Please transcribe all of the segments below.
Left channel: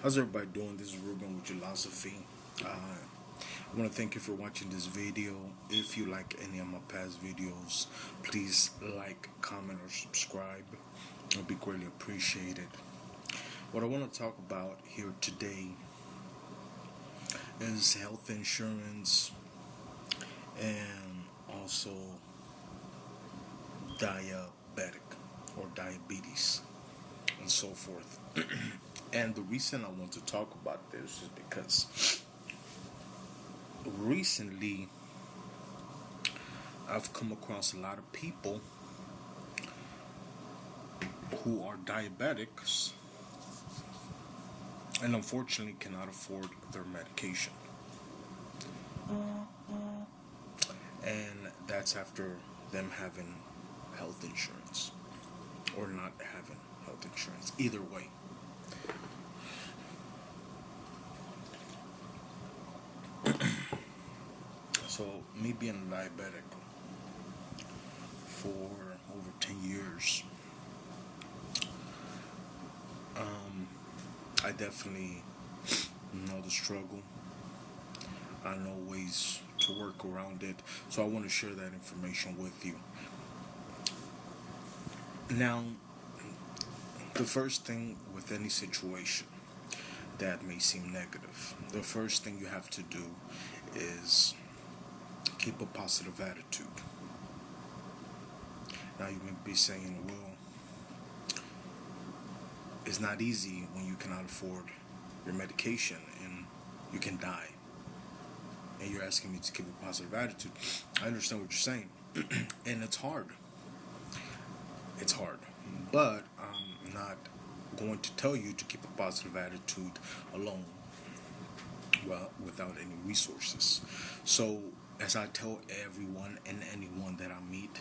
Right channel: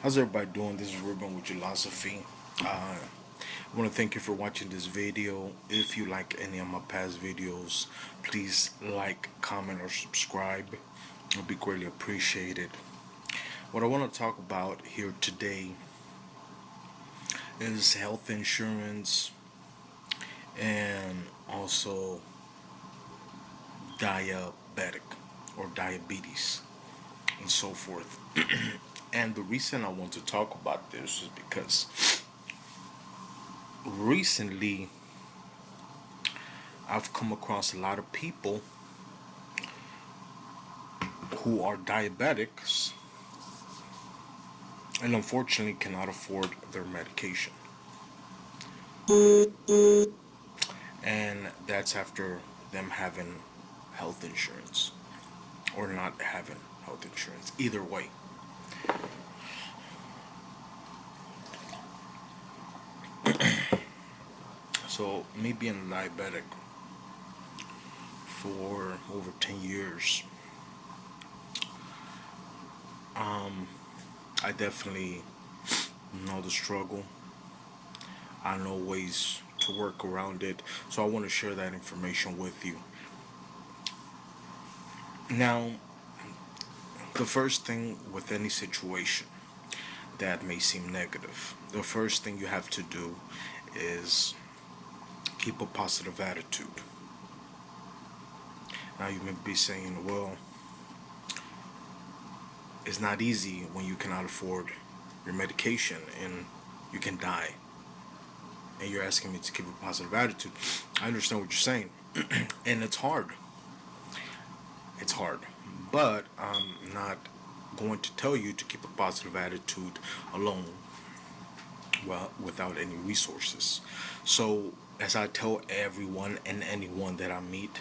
How's everybody doing? This is Ruben with Philosophy. I want to thank you for watching this video. If you like any of my past videos, please like, comment, or subscribe. It'll be greatly appreciated. What I want to talk about here today is health insurance and also diabetic or diabetes and so forth. And the reason I want to talk about this is because recently I've come across a lot of people who are diabetics and unfortunately cannot afford their medication. And that's after them having health insurance or not having health insurance. Either way. So, me being a diabetic for over 10 years, I definitely know the struggle. I know ways to work around it. So, I want to share that information with you. Now, the first thing with any situation that may seem negative, the first thing you have to do is keep a positive attitude. Now, you may be saying, well, it's not easy when you cannot afford your medication and you can die. And you're asking me to keep a positive attitude. I understand what you're saying. And it's hard. It's hard. But I'm not going to tell you to keep a positive attitude alone, well, without any resources. So, as I tell everyone and anyone that I meet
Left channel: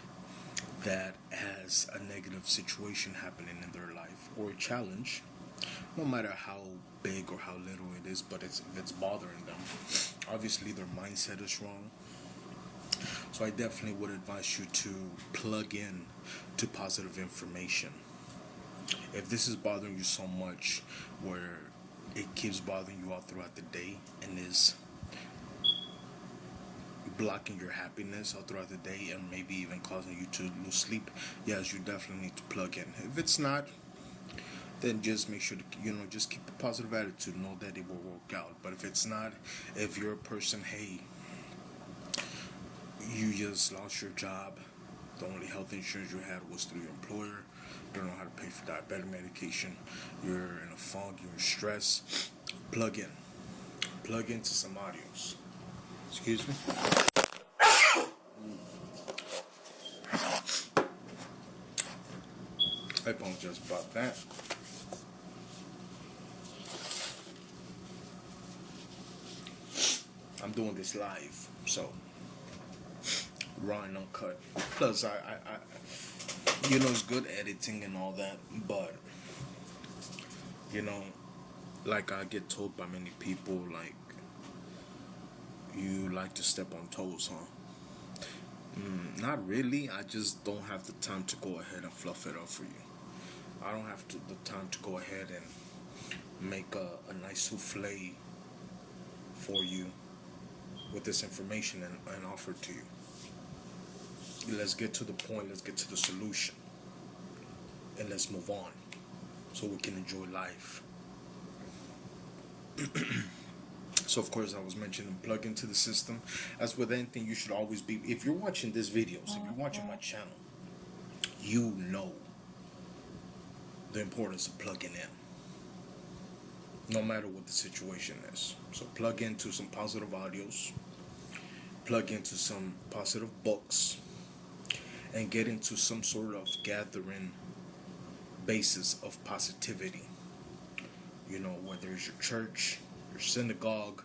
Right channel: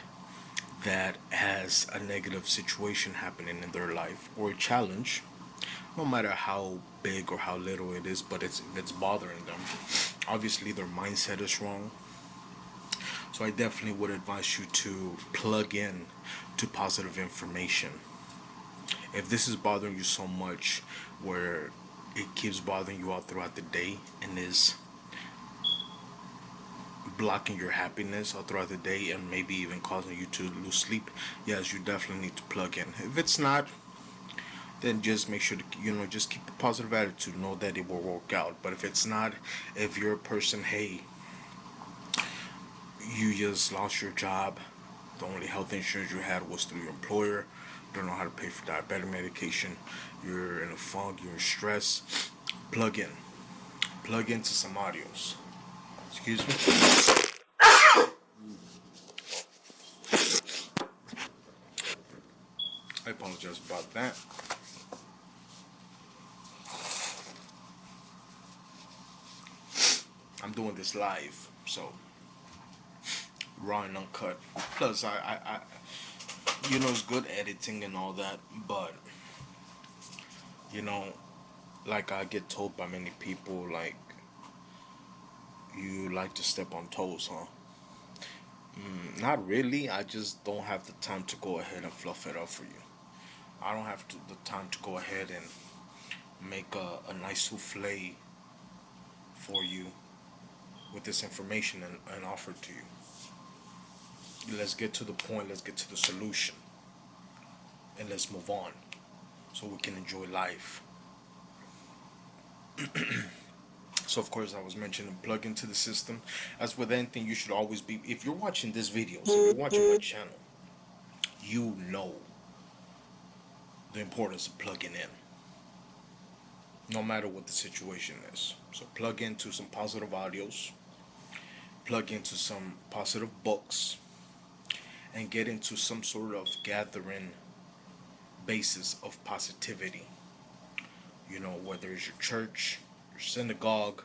that has a negative situation happening in their life or a challenge, no matter how big or how little it is, but it's bothering them. Obviously, their mindset is wrong. So I definitely would advise you to plug in to positive information. If this is bothering you so much, where it keeps bothering you all throughout the day and is blocking your happiness all throughout the day and maybe even causing you to lose sleep, yes, you definitely need to plug in. If it's not, then just make sure to just keep a positive attitude, know that it will work out. But if it's not, if you're a person, hey, you just lost your job, the only health insurance you had was through your employer, you don't know how to pay for diabetic medication, you're in a funk, you're in stress, plug in, plug into some audios. Excuse me. I apologize about that. I'm doing this live, so raw and uncut. Plus, it's good editing and all that, but like I get told by many people, like, you like to step on toes, huh? Not really. I just don't have the time to go ahead and fluff it up for you. I don't have the time to go ahead and make a nice souffle for you with this information and offer it to you. Let's get to the point. Let's get to the solution. And let's move on so we can enjoy life. So, of course, I was mentioning plug into the system. As with anything, you should always be, if you're watching this video, so if you're watching my channel, you know the importance of plugging in, no matter what the situation is. So, plug into some positive audios, plug into some positive books, and get into some sort of gathering basis of positivity. Whether it's your church, your synagogue,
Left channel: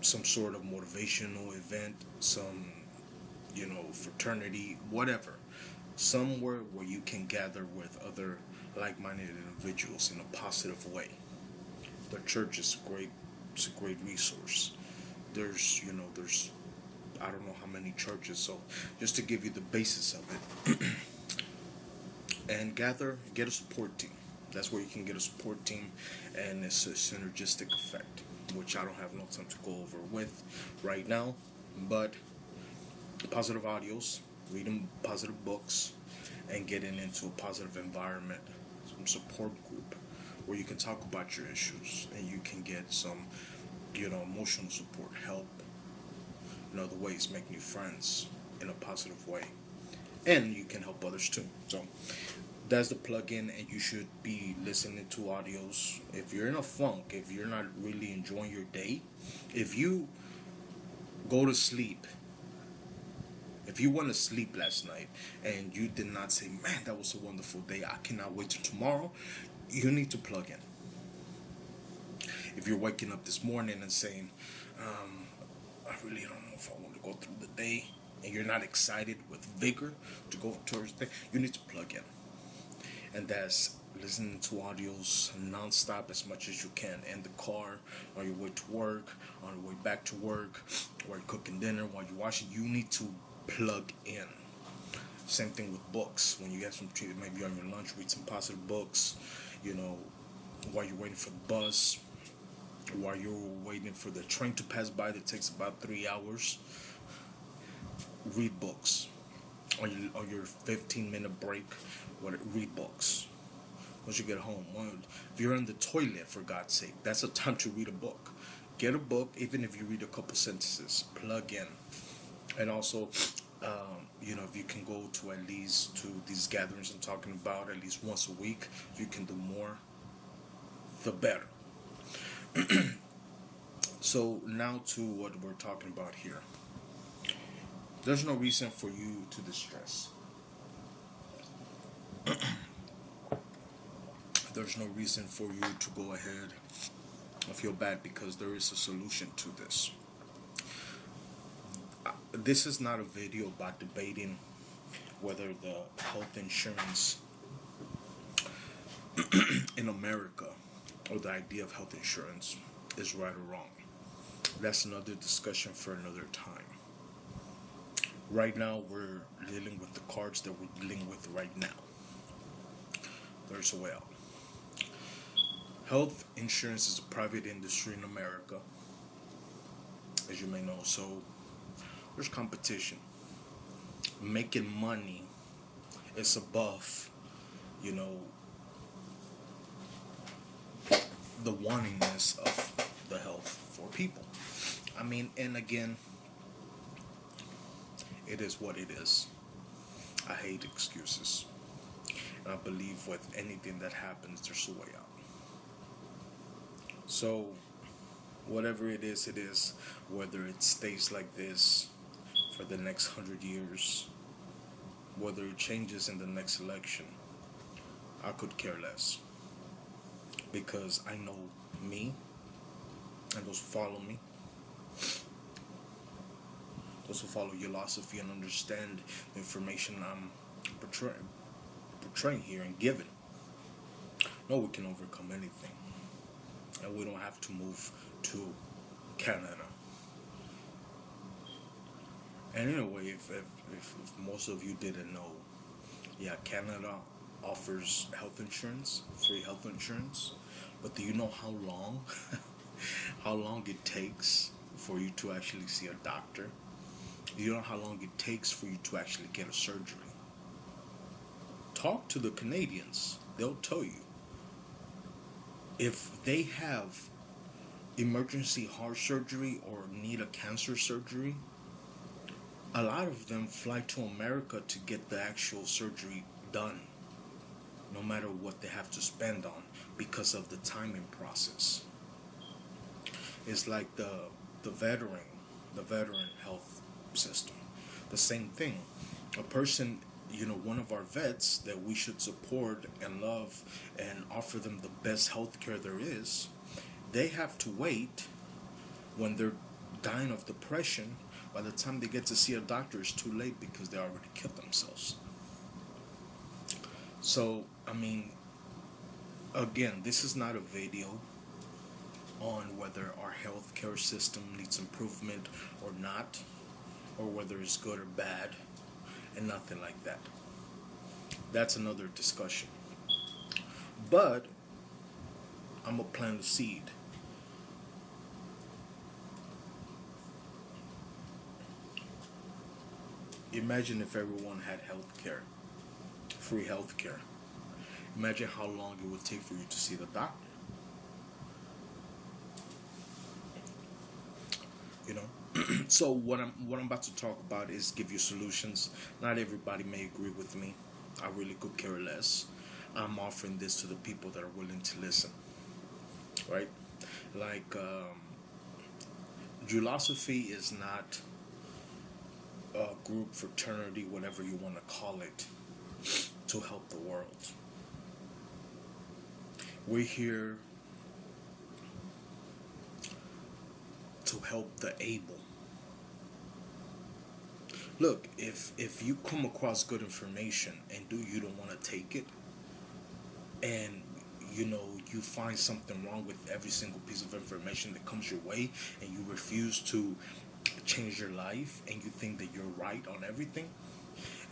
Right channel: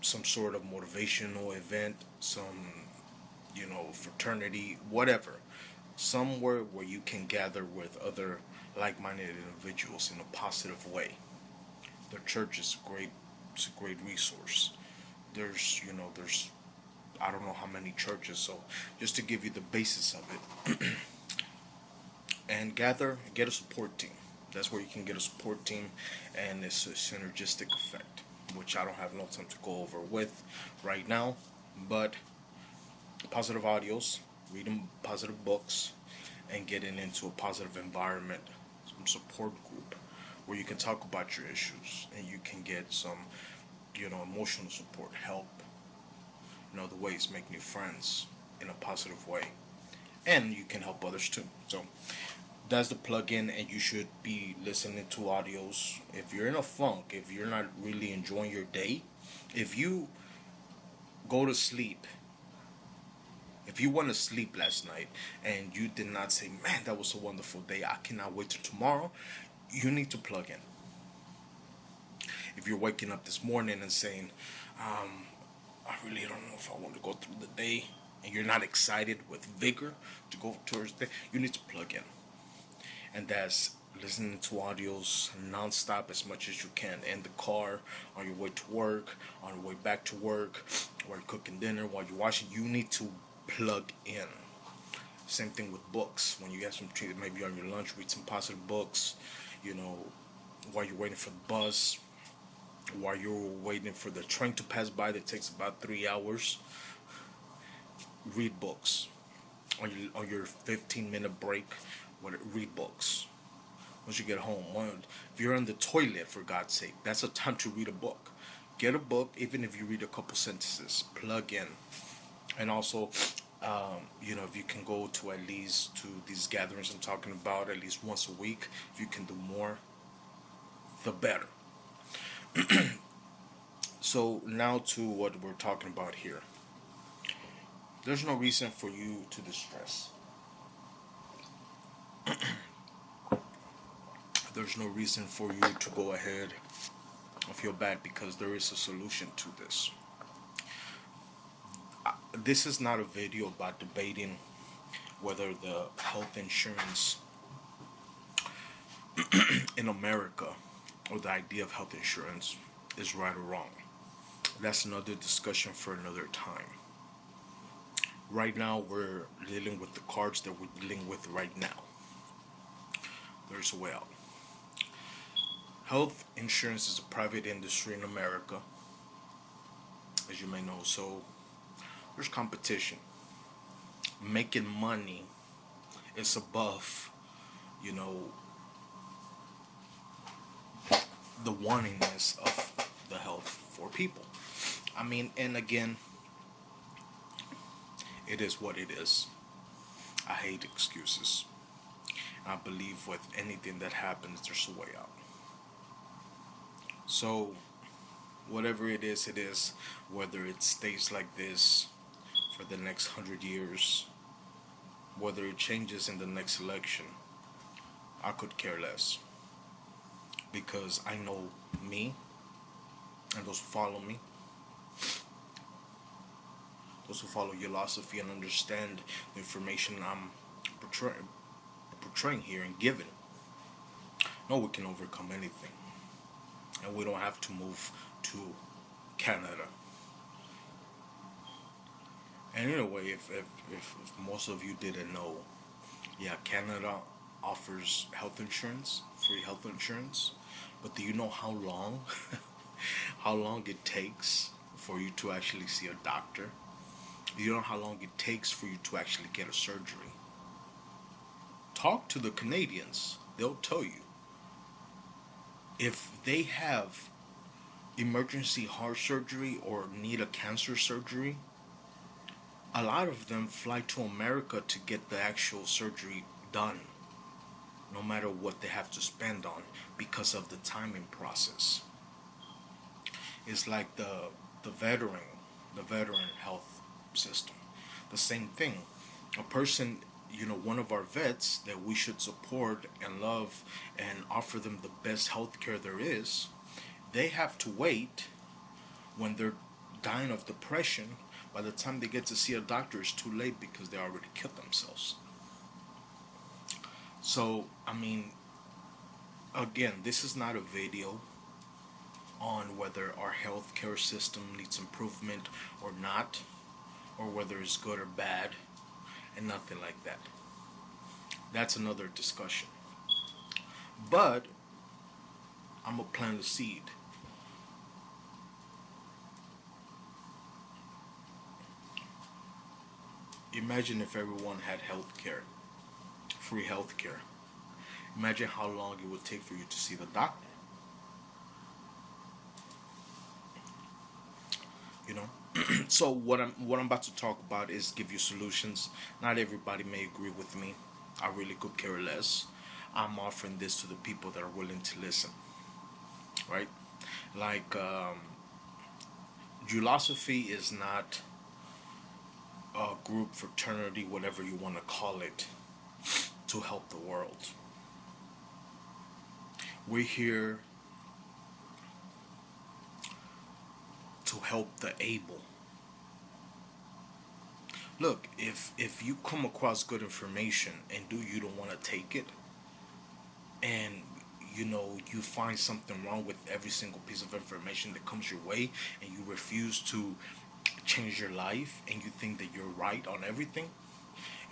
some sort of motivational event, some, fraternity, whatever. Somewhere where you can gather with other like-minded individuals in a positive way. The church is great. It's a great resource. There's I don't know how many churches, so just to give you the basis of it. And get a support team. That's where you can get a support team, and it's a synergistic effect, which I don't have no time to go over with right now. But positive audios, reading positive books, and getting into a positive environment, some support group where you can talk about your issues and you can get some, emotional support, help in other ways, make new friends in a positive way, and you can help others too. So that's the plug-in, and you should be listening to audios. If you're in a funk, if you're not really enjoying your day, if you go to sleep, if you went to sleep last night and you did not say, man, that was a wonderful day, I cannot wait till tomorrow, you need to plug in. If you're waking up this morning and saying, I really don't know if I want to go through the day, and you're not excited with vigor to go towards the day, you need to plug in. And that's listening to audios nonstop as much as you can in the car, on your way to work, on your way back to work, while you're cooking dinner, while you're washing. You need to plug in. Same thing with books. When you get some, maybe on your lunch, read some positive books. While you're waiting for the bus, while you're waiting for the train to pass by that takes about 3 hours, read books. On your 15-minute break, read books. Once you get home, if you're in the toilet, for God's sake, that's a time to read a book. Get a book, even if you read a couple sentences. Plug in. And also, if you can go to at least to these gatherings I'm talking about at least once a week, if you can do more, the better. So now to what we're talking about here. There's no reason for you to distress. There's no reason for you to go ahead and feel bad, because there is a solution to this. This is not a video about debating whether the health insurance in America, or the idea of health insurance, is right or wrong. That's another discussion for another time. Right now, we're dealing with the cards that we're dealing with right now. There's a way out. Health insurance is a private industry in America, as you may know, so there's competition. Making money is above, the wantingness of the health for people. And again, it is what it is. I hate excuses. And I believe with anything that happens, there's a way out. So, whatever it is, whether it stays like this for the next 100 years, whether it changes in the next election, I could care less. Because I know me, and those who follow me, those who follow your philosophy and understand the information I'm portraying here and giving, know we can overcome anything. And we don't have to move to Canada. And in a way, if most of you didn't know, yeah, Canada offers health insurance, free health insurance. But do you know how long, how long it takes for you to actually see a doctor? Do you know how long it takes for you to actually get a surgery? Talk to the Canadians. They'll tell you. If they have emergency heart surgery or need a cancer surgery, a lot of them fly to America to get the actual surgery done, no matter what they have to spend on, because of the timing process. It's like the veteran health system. The same thing. A person, one of our vets that we should support and love and offer them the best health care there is, they have to wait when they're dying of depression. By the time they get to see a doctor, it's too late because they already killed themselves. So, again, this is not a video on whether our healthcare system needs improvement or not, or whether it's good or bad, and nothing like that. That's another discussion. But I'm gonna plant a seed. Imagine if everyone had health care, free health care. Imagine how long it would take for you to see the doctor. You know. So what I'm about to talk about is give you solutions. Not everybody may agree with me. I really could care less. I'm offering this to the people that are willing to listen. Right? Like Philosophy is not a group, fraternity, whatever you want to call it, to help the world. We're here to help the able. Look, if you come across good information and do you don't want to take it, and you find something wrong with every single piece of information that comes your way, and you refuse to change your life, and you think that you're right on everything,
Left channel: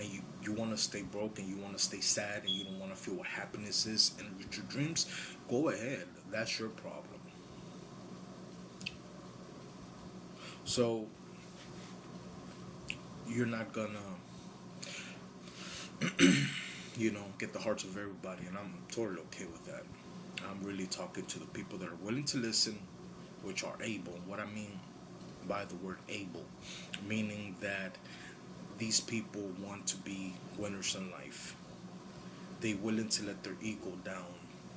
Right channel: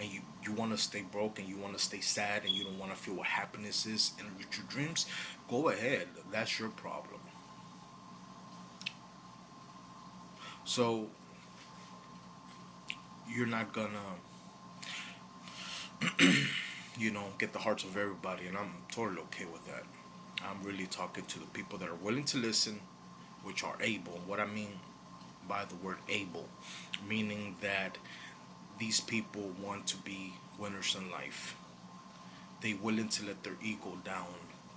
and you want to stay broke, and you want to stay sad, and you don't want to feel what happiness is and reach your dreams, go ahead. That's your problem. So you're not gonna get the hearts of everybody, and I'm totally okay with that. I'm really talking to the people that are willing to listen, which are able. What I mean by the word able, meaning that these people want to be winners in life. They willing to let their ego down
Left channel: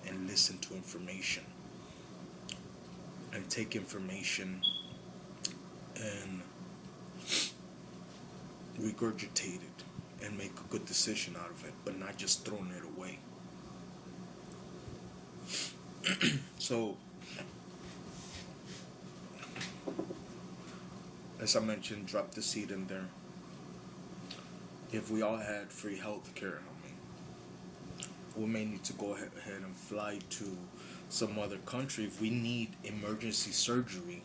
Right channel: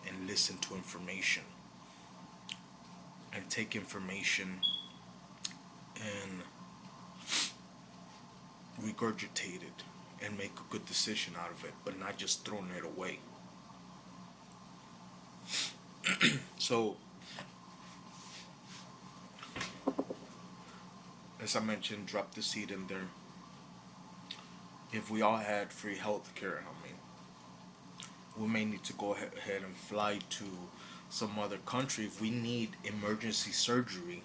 and listen to information, and take information and regurgitate it and make a good decision out of it, but not just throwing it away. So, as I mentioned, drop the seed in there. If we all had free health care, I mean, we may need to go ahead and fly to some other country if we need emergency surgery,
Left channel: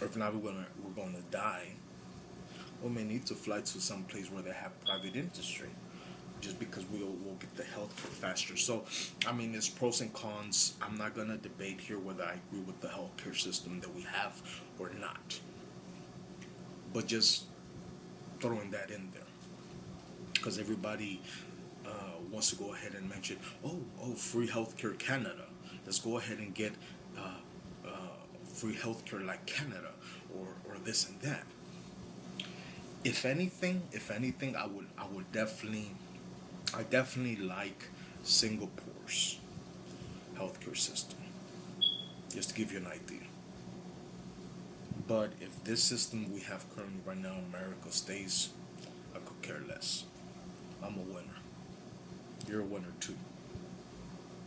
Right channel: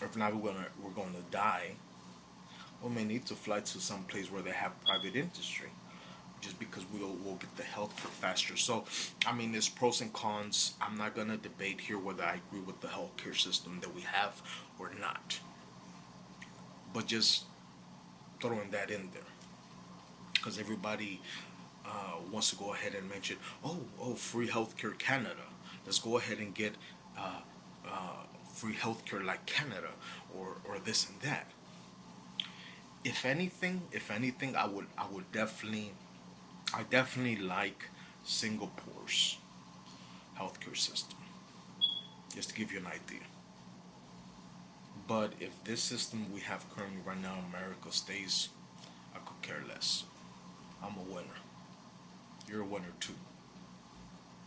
or if not, we're going to die. We may need to fly to some place where they have private industry, just because we'll get the health care faster. So, I mean, there's pros and cons. I'm not gonna debate here whether I agree with the healthcare system that we have or not, but just throwing that in there, because everybody wants to go ahead and mention, free healthcare Canada. Let's go ahead and get uh, free healthcare like Canada, or this and that. If anything, I would definitely, I definitely like Singapore's healthcare system, just to give you an idea. But if this system we have currently right now in America stays, I could care less. I'm a winner. You're a winner too.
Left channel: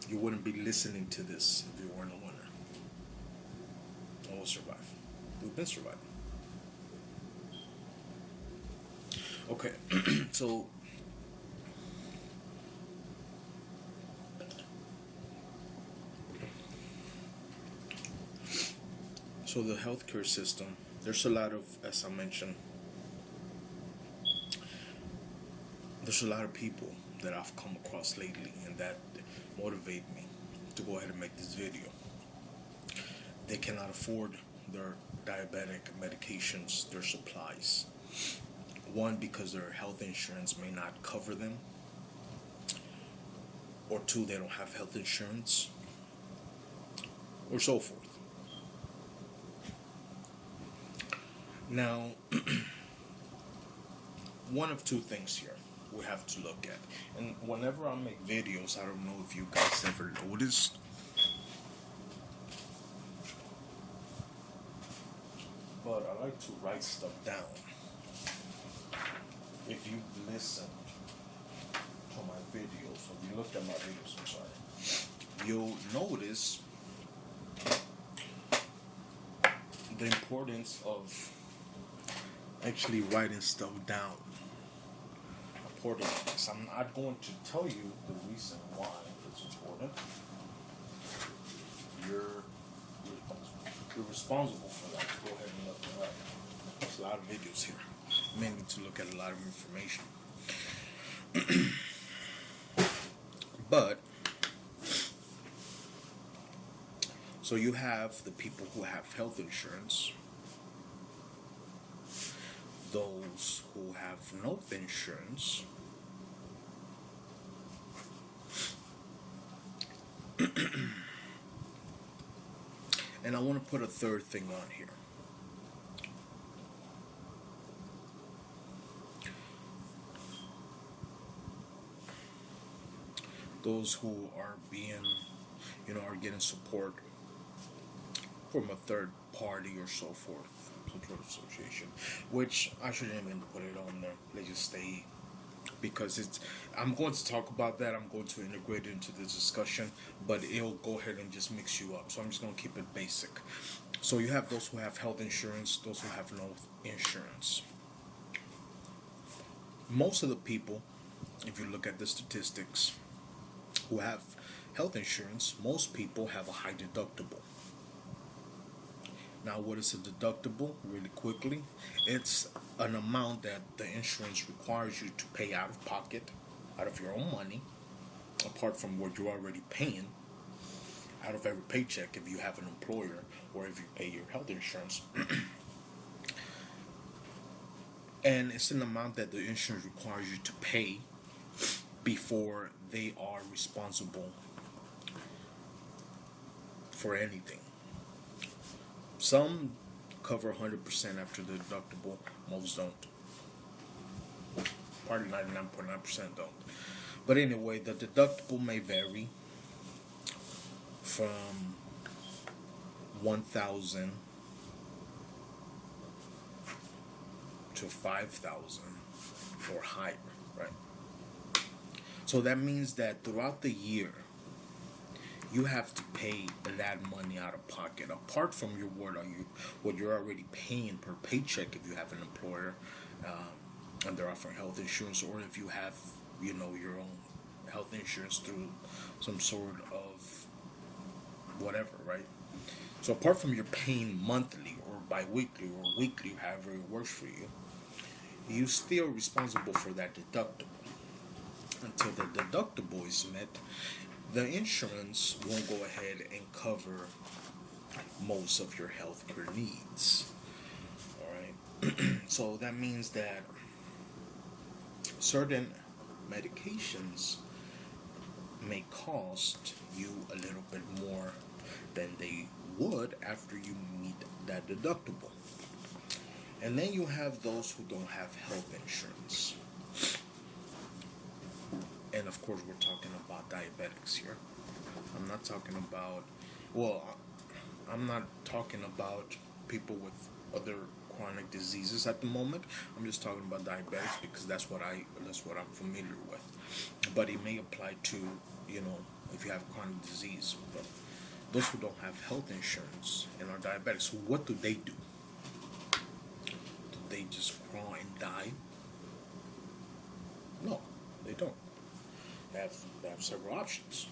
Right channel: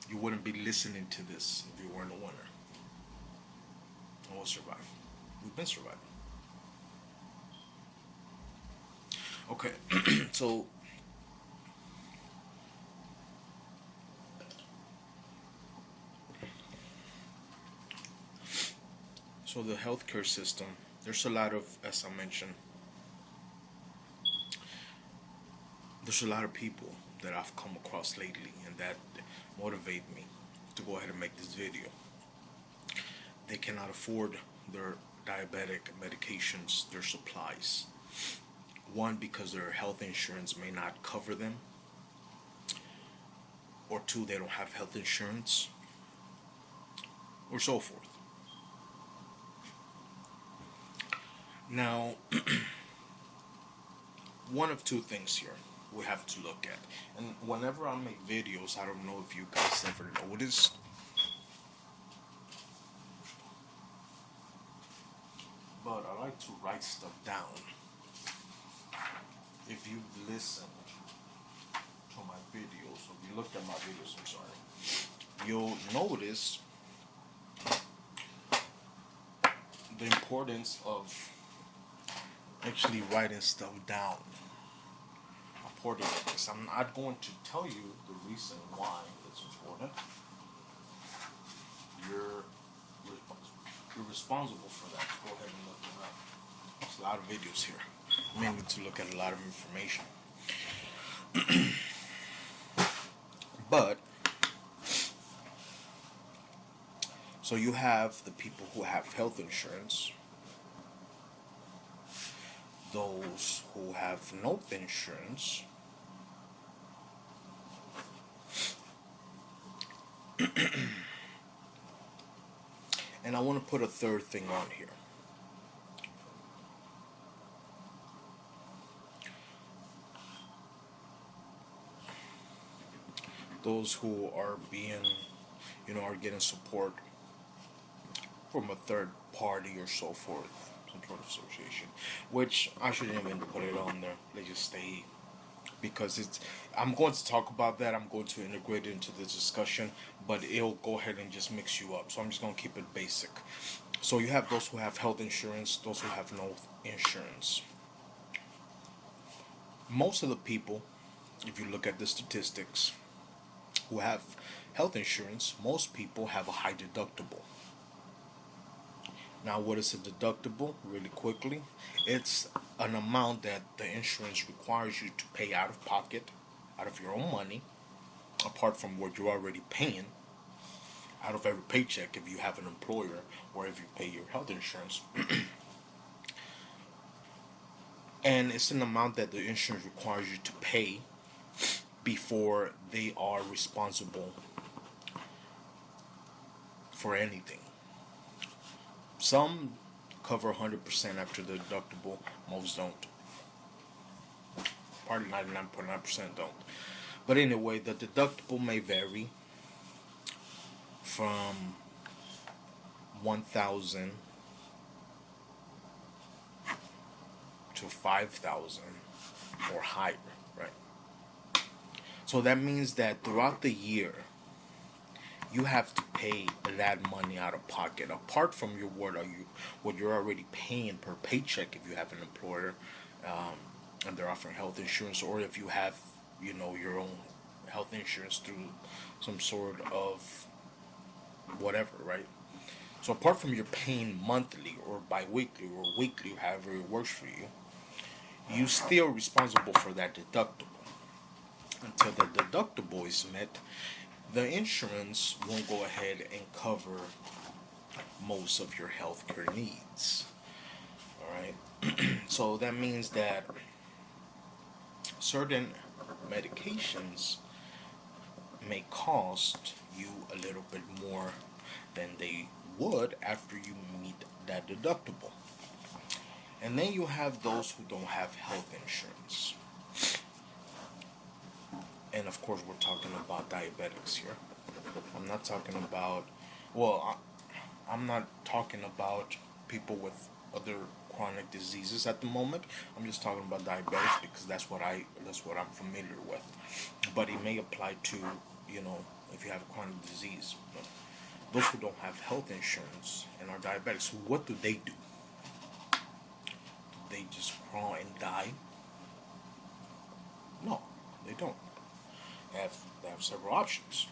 You wouldn't be listening to this if you weren't a winner. And we'll survive. We've been surviving. Okay, so the healthcare system. There's a lot of, as I mentioned, there's a lot of people that I've come across lately, and that motivate me to go ahead and make this video. They cannot afford their diabetic medications, their supplies. One, because their health insurance may not cover them, or two, they don't have health insurance, or so forth. Now, one of two things here we have to look at. And whenever I make videos, I don't know if you guys ever noticed, but I like to write stuff down. If you listen to my videos, or if you looked at my videos, I'm sorry, you'll notice the importance of actually writing stuff down. Important this. I'm not going to tell you the reason why it's important. You're you're responsible for that. Go ahead and look it up. There's a lot of videos here. You may need to look at a lot of information. But so you have the people who have health insurance, those who have no insurance, and I want to put a third thing on here. Those who are being, are getting support from a third party or so forth, some sort of association, which I shouldn't even put it on there. They just stay, because I'm going to talk about that. I'm going to integrate it into this discussion, but it'll go ahead and just mix you up. So I'm just going to keep it basic. So you have those who have health insurance, those who have no insurance. Most of the people, if you look at the statistics, who have health insurance, most people have a high deductible. Now, what is a deductible? Really quickly, it's an amount that the insurance requires you to pay out of pocket, out of your own money, apart from what you're already paying out of every paycheck if you have an employer or if you pay your health insurance. And it's an amount that the insurance requires you to pay before they are responsible for anything. Some cover 100% after the deductible, most don't. Probably 99.9% don't. But anyway, the deductible may vary from 1,000 to 5,000 or higher, right? So that means that throughout the year, you have to pay that money out of pocket, apart from what you're already paying per paycheck if you have an employer, and they're offering health insurance, or if you have your own health insurance through some sort of whatever, right? So apart from your paying monthly or bi-weekly or weekly, however it works for you, you still responsible for that deductible. Until the deductible is met, the insurance won't go ahead and cover most of your healthcare needs. All right. So that means that certain medications may cost you a little bit more than they would after you meet that deductible. And then you have those who don't have health insurance. And of course, we're talking about diabetics here. I'm not talking about, I'm not talking about people with other chronic diseases at the moment. I'm just talking about diabetics because that's what I'm familiar with. But it may apply to, if you have chronic disease. But those who don't have health insurance and are diabetics, what do they do? Do they just crawl and die? No, they don't. They have several options.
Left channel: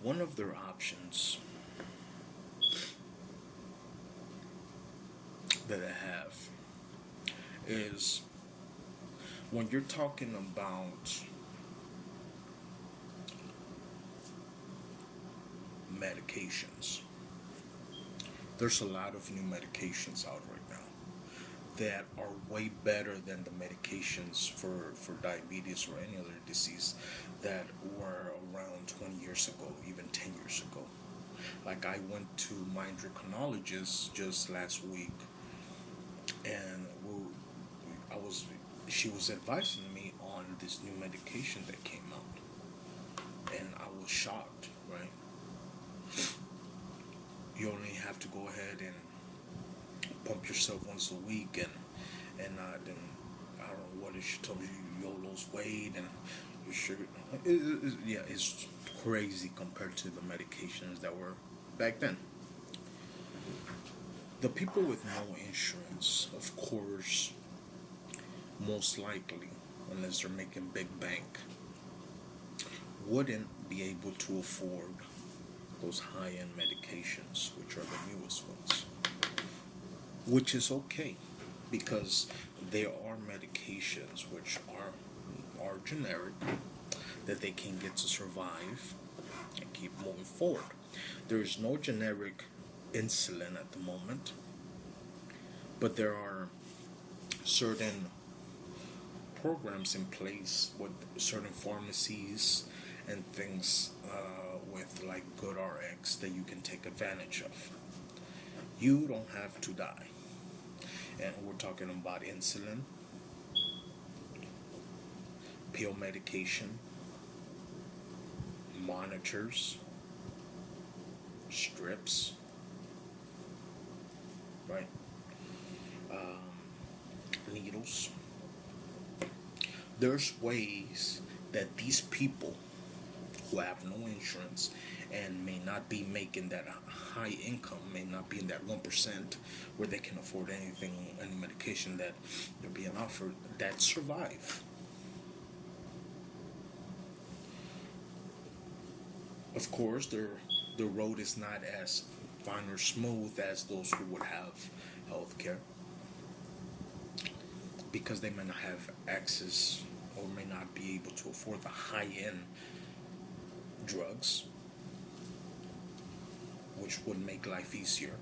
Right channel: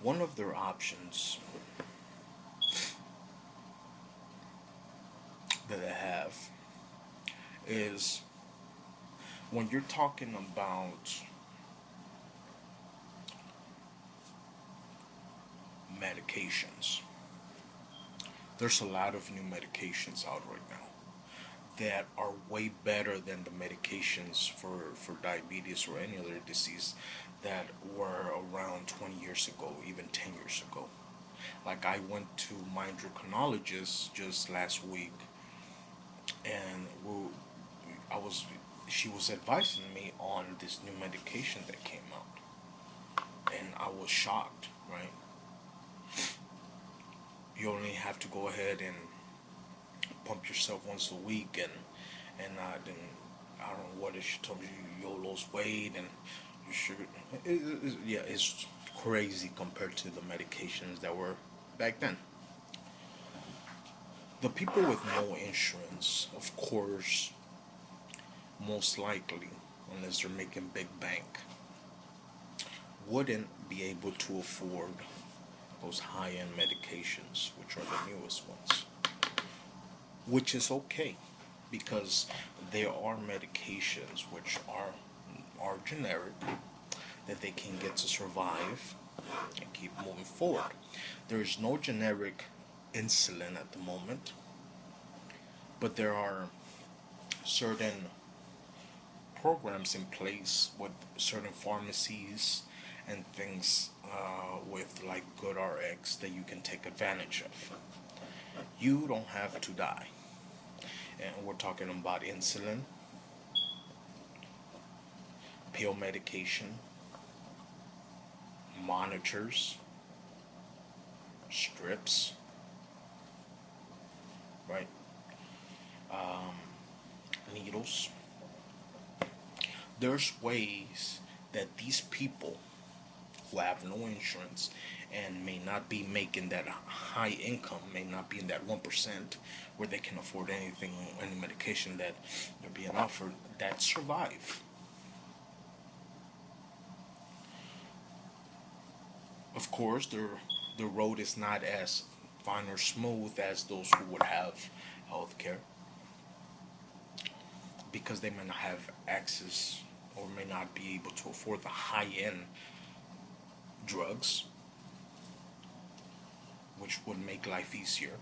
One of their options that they have is when you're talking about medications. There's a lot of new medications out right now that are way better than the medications for diabetes or any other disease that were around 20 years ago, even 10 years ago. Like, I went to my endocrinologist just last week, and she was advising me on this new medication that came out, and I was shocked, right? You only have to go ahead and pump yourself once a week, and then I don't know what it, she told me you'll lose weight and your sugar. It's crazy compared to the medications that were back then. The people with no insurance, of course, most likely, unless they're making big bank, wouldn't be able to afford those high-end medications, which are the newest ones. Which is okay, because there are medications which are are generic that they can get to survive and keep moving forward. There is no generic insulin at the moment, but there are certain programs in place with certain pharmacies and things with like GoodRx that you can take advantage of. You don't have to die. And we're talking about insulin, pill medication, monitors, strips, right? Needles. There's ways that these people who have no insurance and may not be making that high income, may not be in that 1% where they can afford anything, any medication that they're being offered, that survive. Of course, the road is not as fine or smooth as those who would have health care because they may not have access or may not be able to afford the high-end drugs, which would make life easier.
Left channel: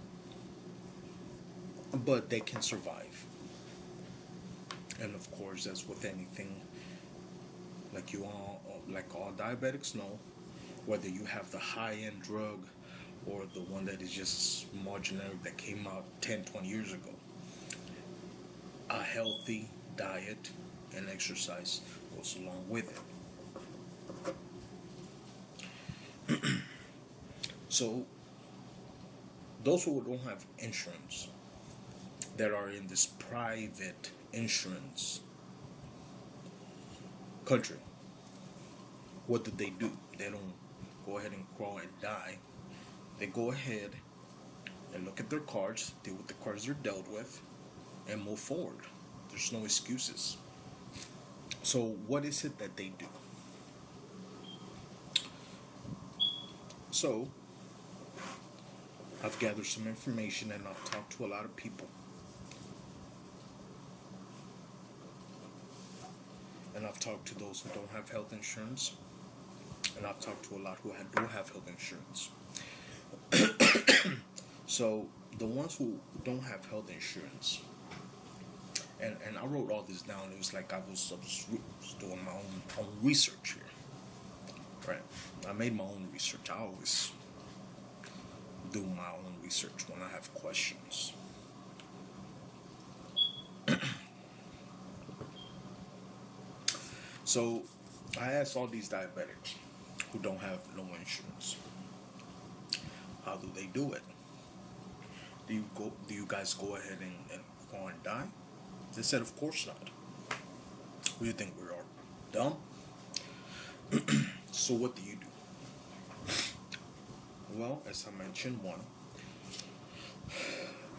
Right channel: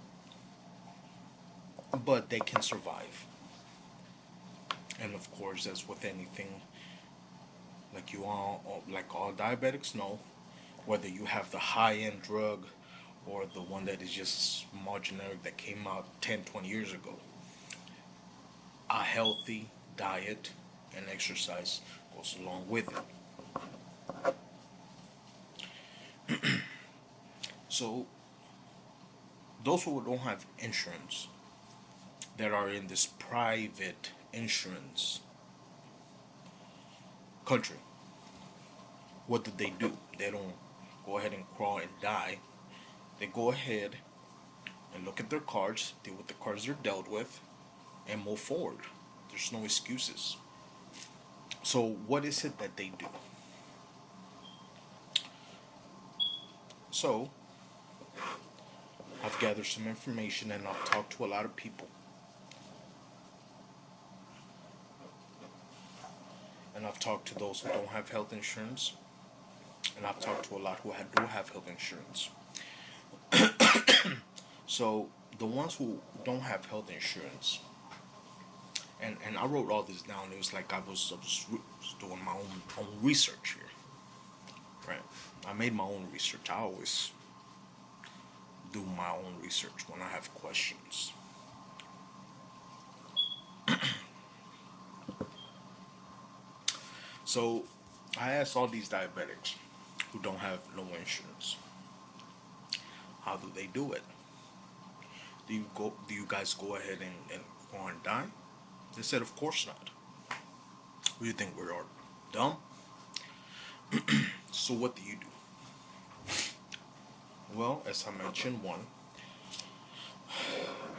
But they can survive. And of course, as with anything, like all diabetics know, whether you have the high-end drug or the one that is just small generic that came out 10, 20 years ago, a healthy diet and exercise goes along with it. So, those who don't have insurance, that are in this private insurance country, what do? They don't go ahead and crawl and die. They go ahead and look at their cards, deal with the cards they're dealt with, and move forward. There's no excuses. So what is it that they do? So I've gathered some information and I've talked to a lot of people. And I've talked to those who don't have health insurance. And I've talked to a lot who do have health insurance. So the ones who don't have health insurance, and I wrote all this down. It was like I was doing my own research here, right? I made my own research. I always do my own research when I have questions. So I asked all these diabetics who don't have no insurance, how do they do it? Do you guys go ahead and go and die? They said, of course not. What do you think, we are dumb? So what do you do? Well, as I mentioned, one,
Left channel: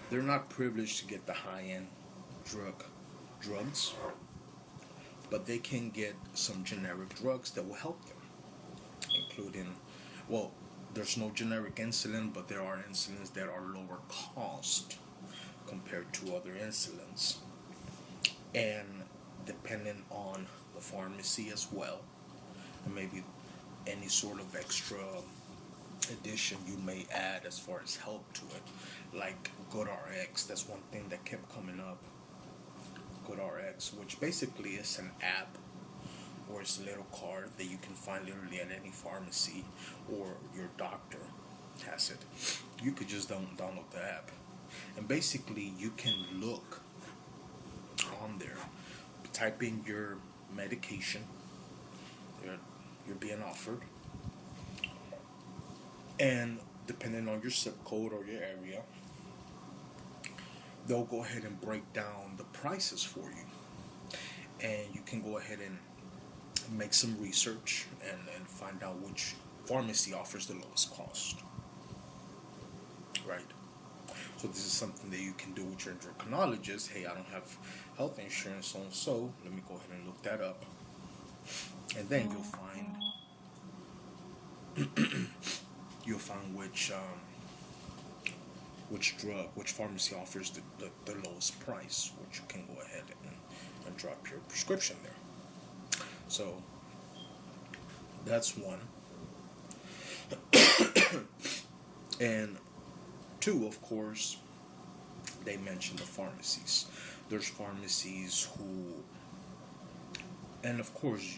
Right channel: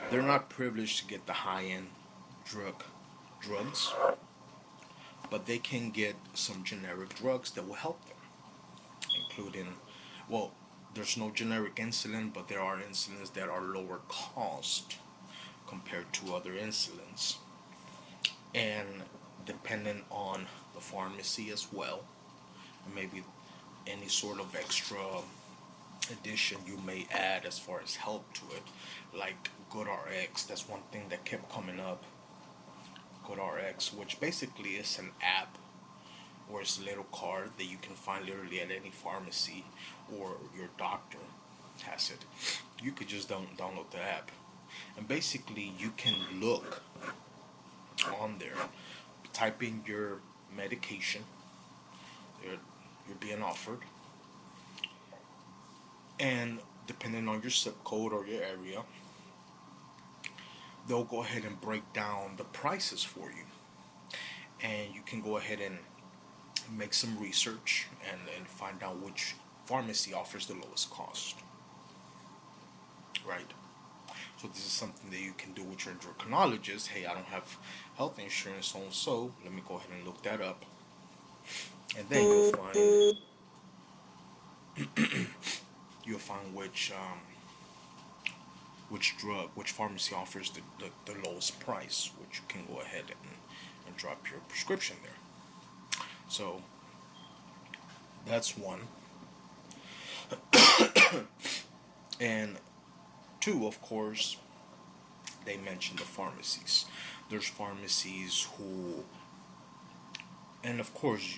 they're not privileged to get the high-end drugs, but they can get some generic drugs that will help them, including, well, there's no generic insulin, but there are insulins that are lower cost compared to other insulins. And depending on the pharmacy as well, and maybe any sort of extra addition you may add as far as help to it, like GoodRx. That's one thing that kept coming up. GoodRx, which basically is an app or it's a little card that you can find literally at any pharmacy, or your doctor has it. You could just download the app, and basically you can look on there, type in your medication you're being offered, and depending on your zip code or your area, they'll go ahead and break down the prices for you, and you can go ahead and make some research and find out which pharmacy offers the lowest cost, right? So this is something that you can do with your endocrinologist. Hey, I don't have health insurance on, so let me go ahead and look that up, and then you'll find which pharmacy offers the lowest price, which you can go ahead and drop your prescription there. So that's one. And two, of course, they mentioned the pharmacies. There's pharmacies who, and of course,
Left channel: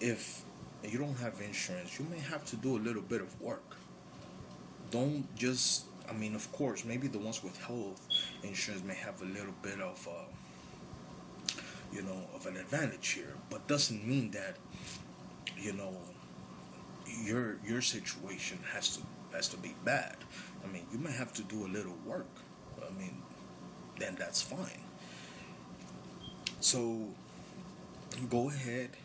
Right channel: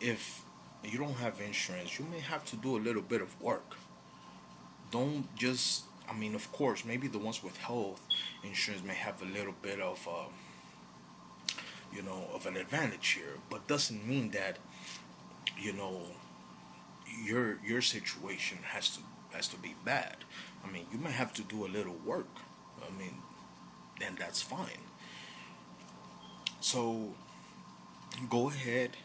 if you don't have insurance, you may have to do a little bit of work. Don't just, I mean, of course, maybe the ones with health insurance may have a little bit of, of an advantage here, but doesn't mean that, you know, your situation has to be bad. I mean, you might have to do a little work. I mean, then that's fine. So go ahead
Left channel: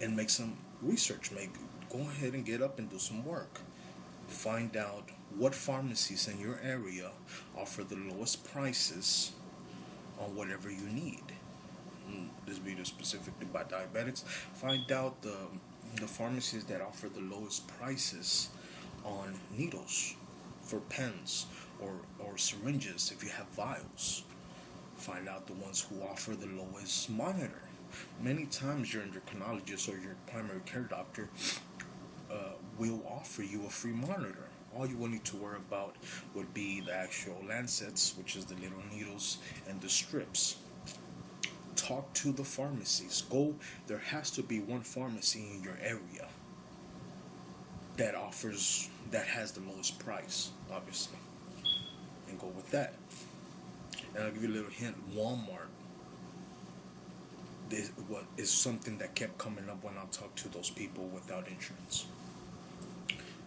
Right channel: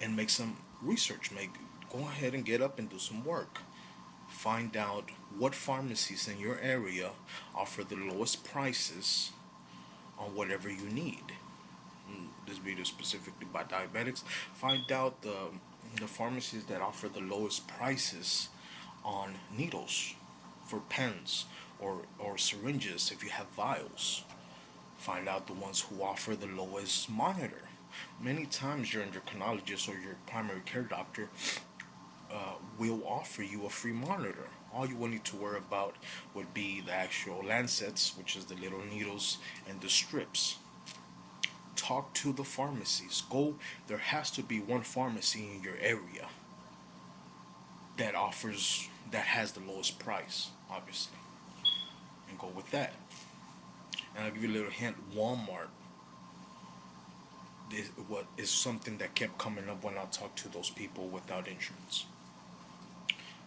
and make some research. Maybe go ahead and get up and do some work. Find out what pharmacies in your area offer the lowest prices on whatever you need. This video specifically by diabetics. Find out the pharmacies that offer the lowest prices on needles for pens or syringes if you have vials. Find out the ones who offer the lowest monitor. Many times your endocrinologist or your primary care doctor will offer you a free monitor. All you will need to worry about would be the actual lancets, which is the little needles, and the strips. Talk to the pharmacies. There has to be one pharmacy in your area that has the lowest price, obviously, and go with that. And I'll give you a little hint. Walmart what is something that kept coming up when I talked to those people without insurance.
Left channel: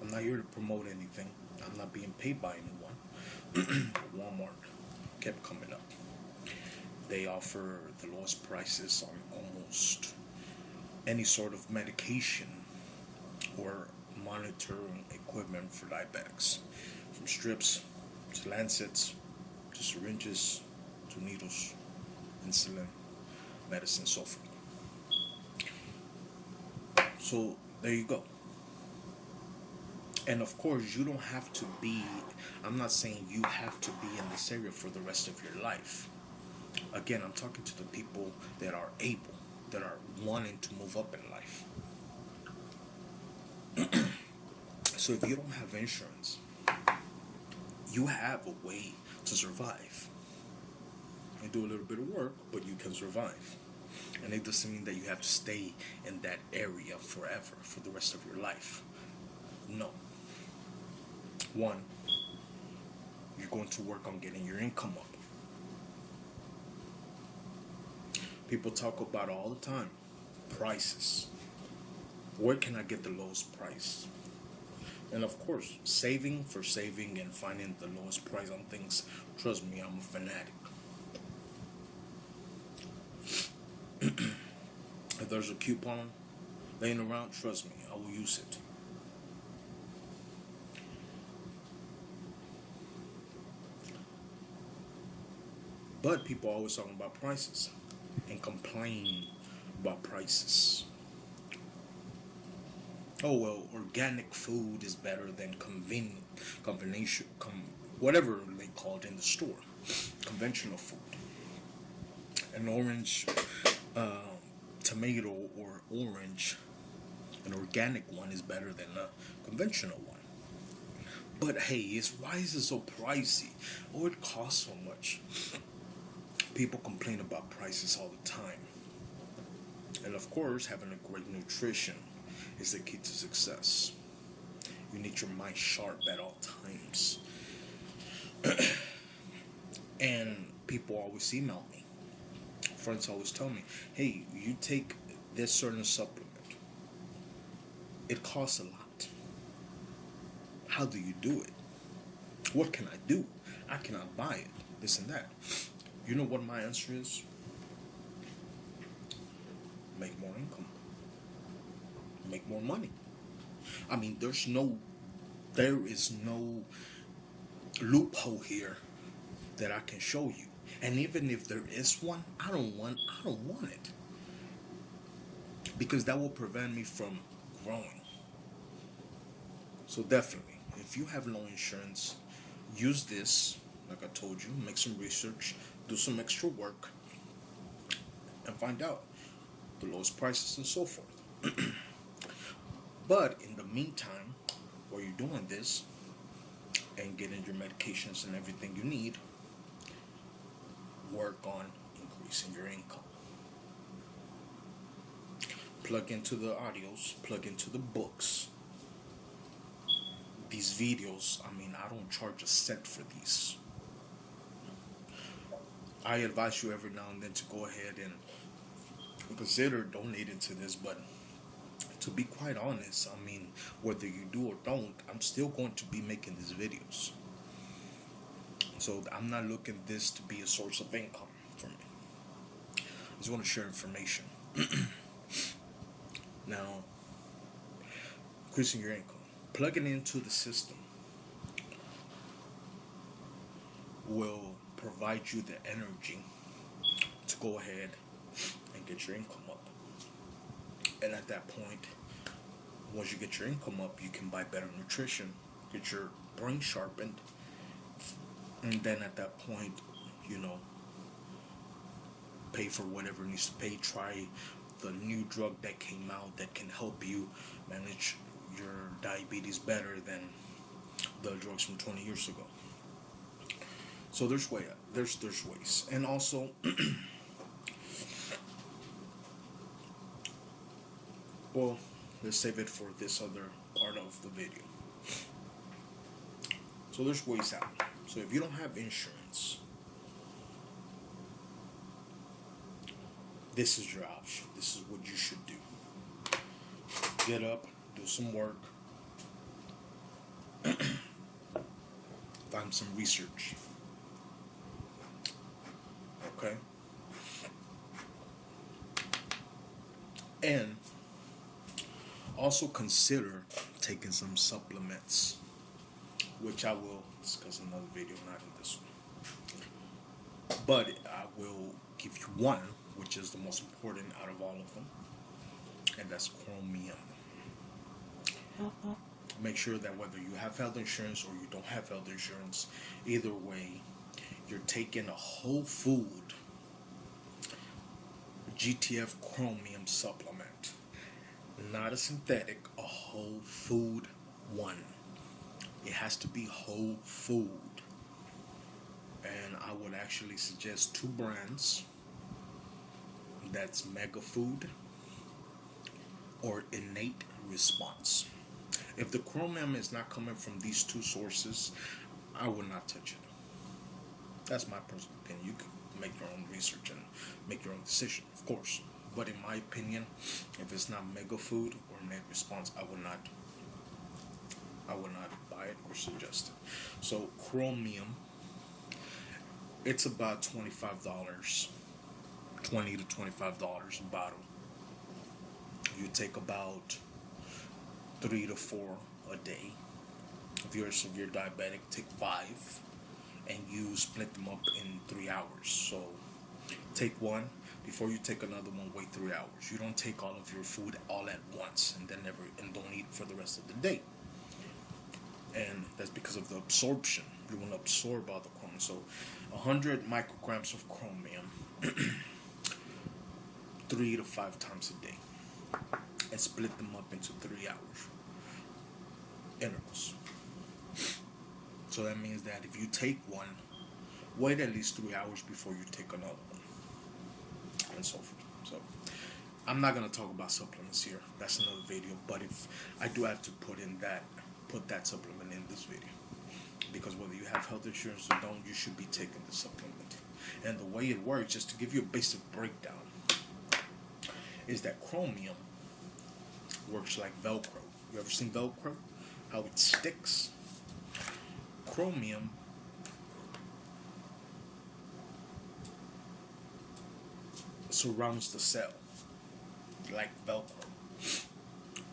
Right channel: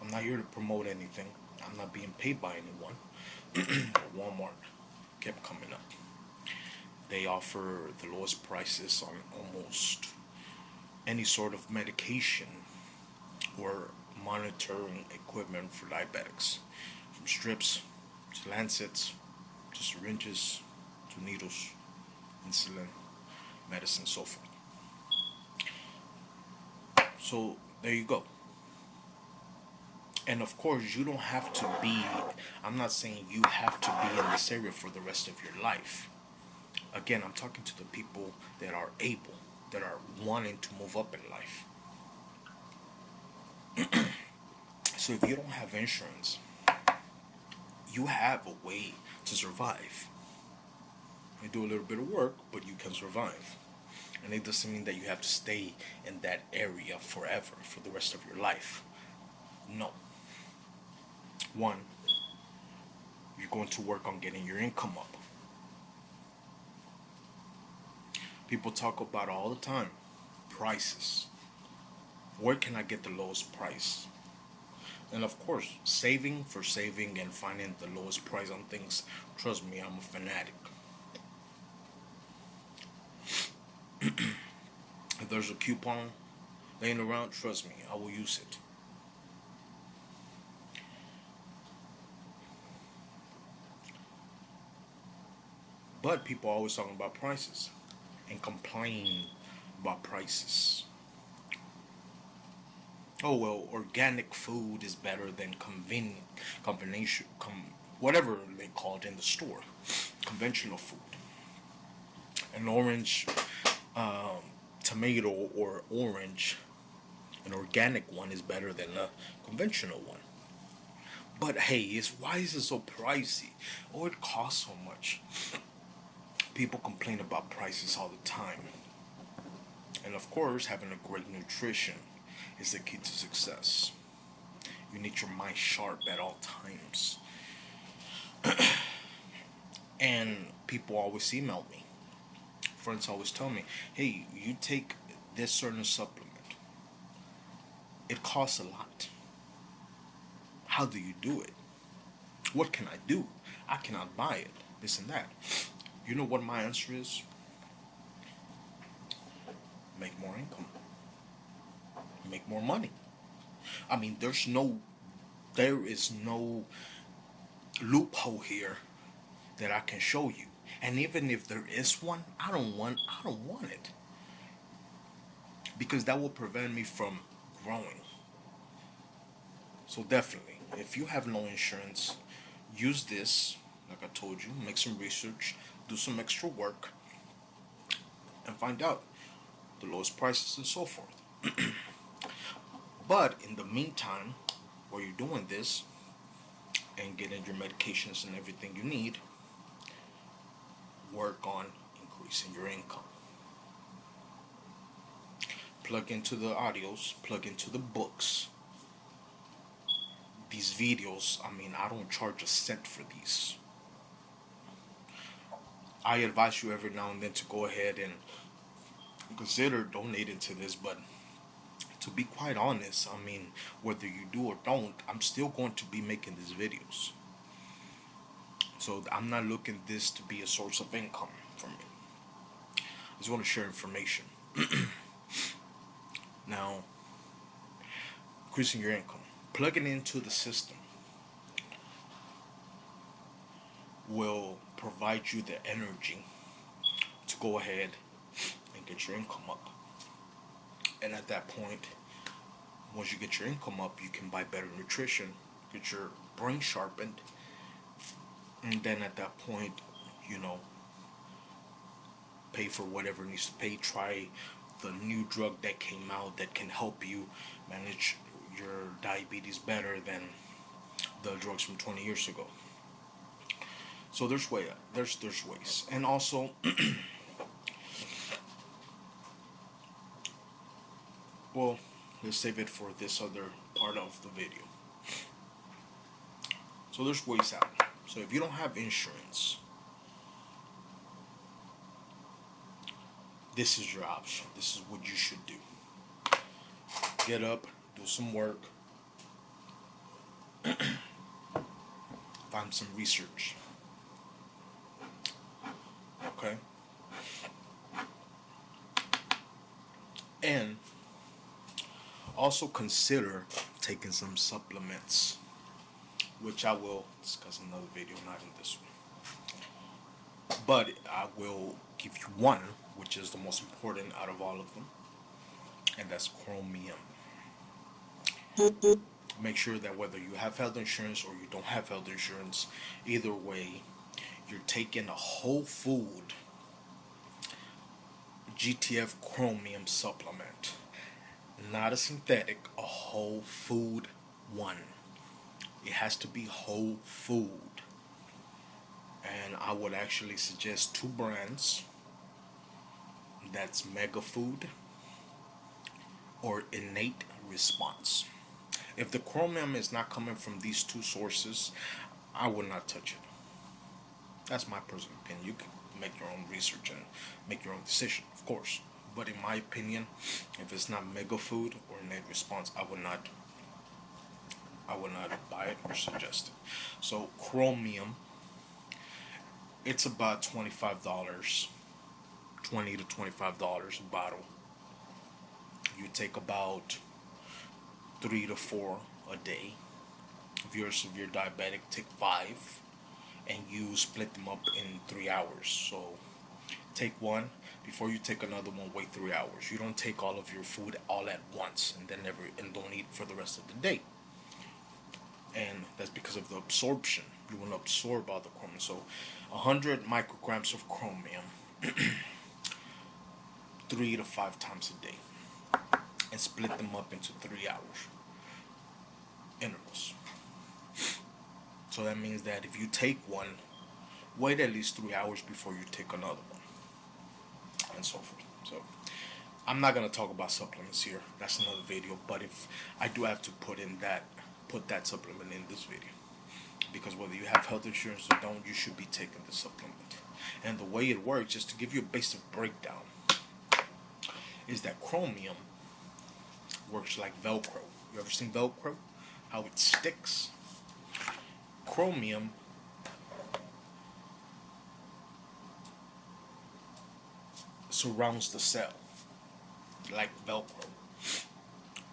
I'm not here to promote anything. I'm not being paid by anyone. Walmart kept coming up. They offer the lowest prices on almost any sort of medication or monitoring equipment for diabetics, from strips to lancets to syringes to needles, insulin, medicine, so forth. So there you go. And of course, you don't have to be, I'm not saying you have to be in this area for the rest of your life. Again, I'm talking to the people that are able, that are wanting to move up in life. So if you don't have insurance, you have a way to survive. You do a little bit of work, but you can survive. And it doesn't mean that you have to stay in that area forever, for the rest of your life. No. One, you're going to work on getting your income up. People talk about all the time prices. Where can I get the lowest price? And of course, saving and finding the lowest price on things. Trust me, I'm a fanatic. If there's a coupon laying around, trust me, I will use it. But people are always talking about prices and complain about prices. Oh well, organic food is better than whatever they call it in the store, conventional food. An orange tomato or orange, an organic one is better than a conventional one. But hey, why is it so pricey? Oh, it costs so much. People complain about prices all the time. And of course, having a great nutrition is the key to success. You need your mind sharp at all times. And people always email me. Friends always tell me, hey, you take this certain supplement. It costs a lot. How do you do it? What can I do? I cannot buy it. This and that. You know what my answer is? Make more income. Make more money. I mean, there is no loophole here that I can show you. And even if there is one, I don't want it. Because that will prevent me from growing. So definitely, if you have no insurance, use this, like I told you, make some research, do some extra work, and find out. the lowest prices, and so forth. But in the meantime, while you're doing this and getting your medications and everything you need, work on increasing your income. Plug into the audios, plug into the books. These videos, I mean, I don't charge a cent for these. I advise you every now and then to go ahead and consider donating to this, but to be quite honest, I mean, whether you do or don't, I'm still going to be making these videos. So I'm not looking this to be a source of income for me. I just want to share information. Now, increasing your income, plugging into the system will provide you the energy to go ahead and get your income up. And at that point, once you get your income up, you can buy better nutrition, get your brain sharpened, and then at that point, you know, pay for whatever needs to pay. Try the new drug that came out that can help you manage your diabetes better than the drugs from 20 years ago. So there's ways. And also well, let's save it for this other part of the video. So there's ways out. So if you don't have insurance, this is your option. This is what you should do. Get up, do some work, find some research. Okay? And also consider taking some supplements, which I will discuss in another video, not in this one. But I will give you one, which is the most important out of all of them, and that's chromium. Make sure that whether you have health insurance or you don't have health insurance, either way, you're taking a whole food GTF chromium supplement. Not a synthetic, a whole food one. It has to be whole food. And I would actually suggest two brands. That's Mega Food or Innate Response. If the chromium is not coming from these two sources, I would not touch it. That's my personal opinion. You can make your own research and make your own decision, of course. But in my opinion, if it's not Mega Food or Innate Response, I would not buy it or suggest it. So chromium, it's about $25, $20 to $25 a bottle. You take about 3 to 4 a day. If you're a severe diabetic, take 5, and you split them up in 3 hours. So take one. Before you take another one, wait 3 hours. You don't take all of your food all at once and then don't eat for the rest of the day. And that's because of the absorption. You want to absorb all the chromium. So 100 micrograms of chromium 3 to 5 times a day, and split them up into 3 hours intervals. So that means that if you take one, wait at least 3 hours before you take another one, and so forth. So I'm not gonna talk about supplements here. That's another video. But if I do have to put that supplement in this video, because whether you have health insurance or don't, you should be taking the supplement. And the way it works, just to give you a basic breakdown, is that chromium works like Velcro. You ever seen Velcro? How it sticks? Chromium surrounds the cell like Velcro.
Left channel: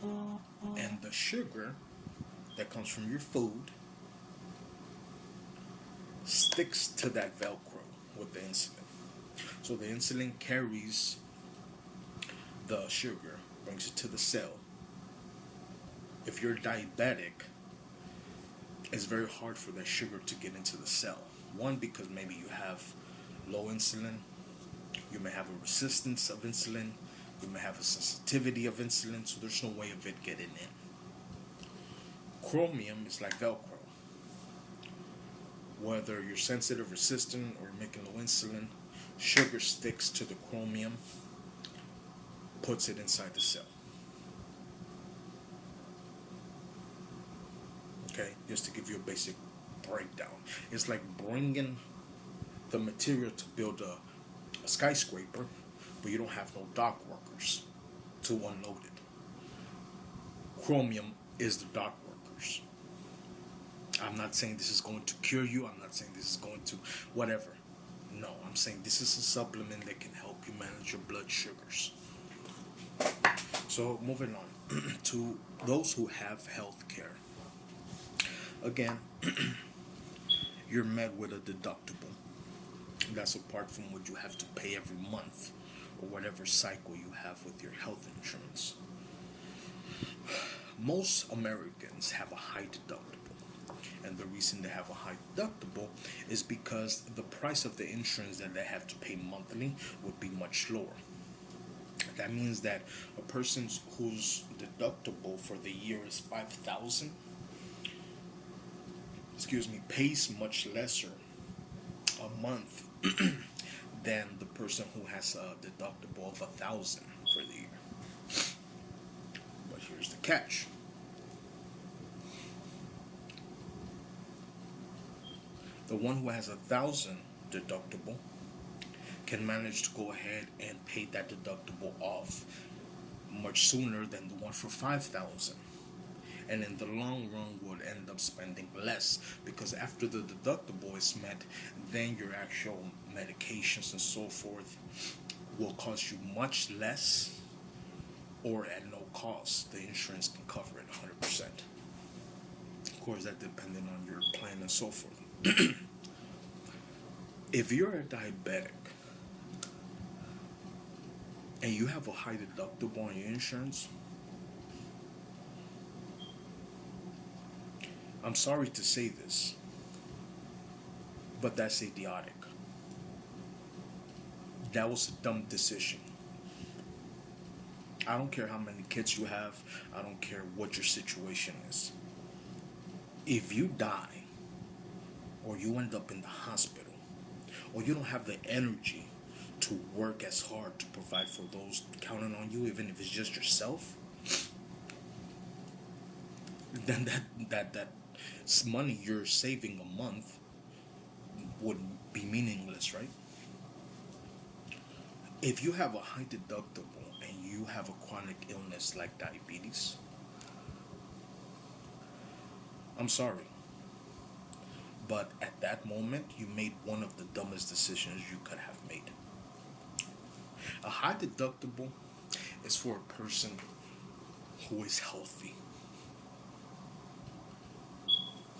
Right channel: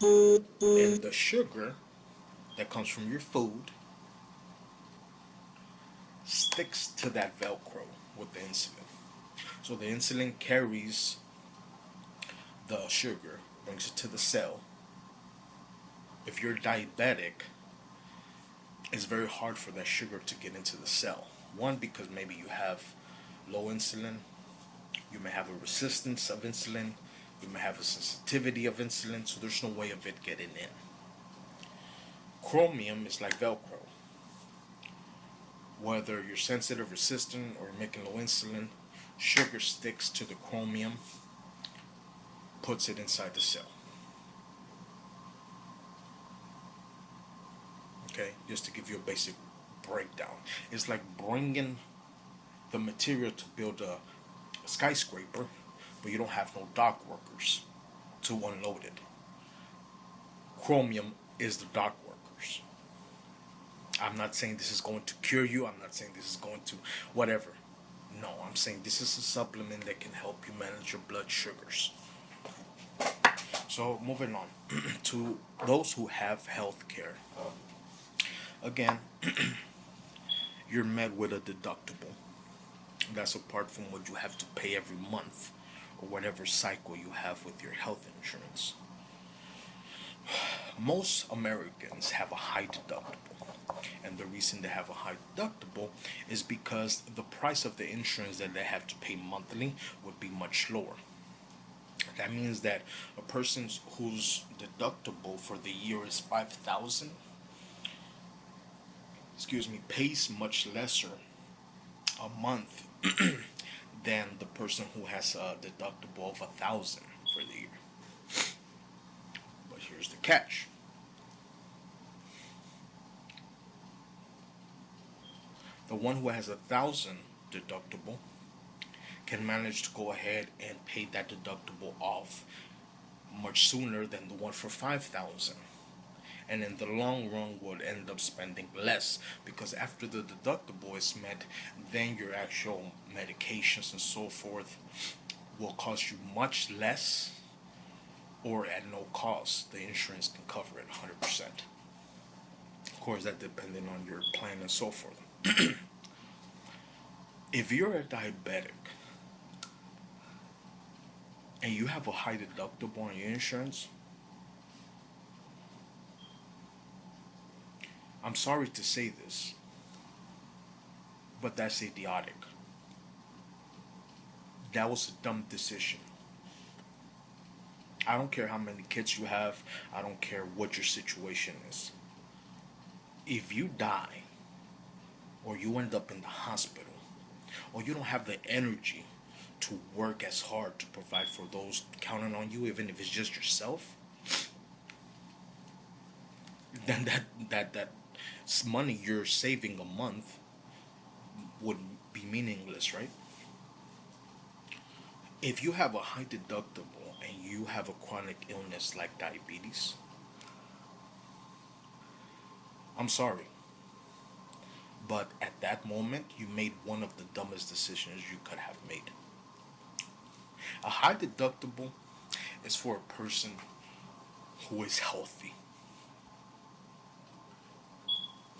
And the sugar that comes from your food sticks to that Velcro with the insulin. So the insulin carries the sugar, brings it to the cell. If you're diabetic, it's very hard for that sugar to get into the cell. One, because maybe you have low insulin, you may have a resistance of insulin, You may have a sensitivity of insulin, so there's no way of it getting in. Chromium is like Velcro. Whether you're sensitive, resistant, or making low insulin, sugar sticks to the chromium, puts it inside the cell. Okay, just to give you a basic breakdown. It's like bringing the material to build a skyscraper, but you don't have no dock workers to unload it. Chromium is the dock workers. I'm not saying this is going to cure you. I'm not saying this is going to whatever. No, I'm saying this is a supplement that can help you manage your blood sugars. So moving on to those who have health care. Again, you're met with a deductible. That's apart from what you have to pay every month or whatever cycle you have with your health insurance. Most Americans have a high deductible. And the reason they have a high deductible is because the price of the insurance that they have to pay monthly would be much lower. That means that a person whose deductible for the year is 5,000, pays much lesser a month than the person who has a deductible of 1,000 for the year. But here's the catch. The one who has 1,000 deductible can manage to go ahead and pay that deductible off much sooner than the one for 5,000. And in the long run would end up spending less, because after the deductible is met, then your actual medications and so forth will cost you much less, or at no cost. The insurance can cover it 100%. Of course, that depending on your plan and so forth. If you're a diabetic and you have a high deductible on your insurance, I'm sorry to say this, but that's idiotic. That was a dumb decision. I don't care how many kids you have. I don't care what your situation is. If you die, or you end up in the hospital, or you don't have the energy to work as hard to provide for those counting on you, even if it's just yourself, then that money you're saving a month would be meaningless, right? If you have a high deductible and you have a chronic illness like diabetes, I'm sorry, but at that moment you made one of the dumbest decisions you could have made. A high deductible is for a person who is healthy,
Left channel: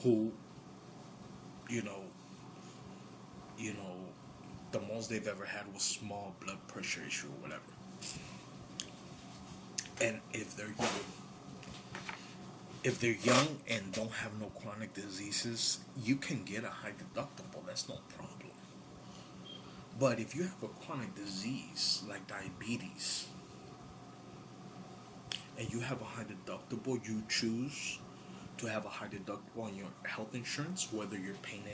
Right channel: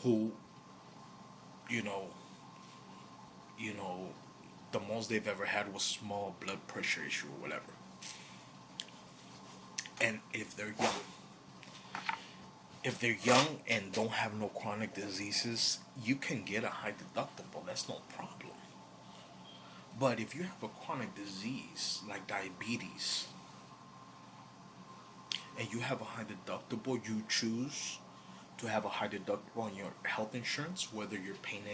who, you know, you know, the most they've ever had was small blood pressure issue or whatever. And if they're young and don't have no chronic diseases, you can get a high deductible. That's no problem. But if you have a chronic disease like diabetes and you have a high deductible, you choose to have a high deductible on your health insurance, whether you're paying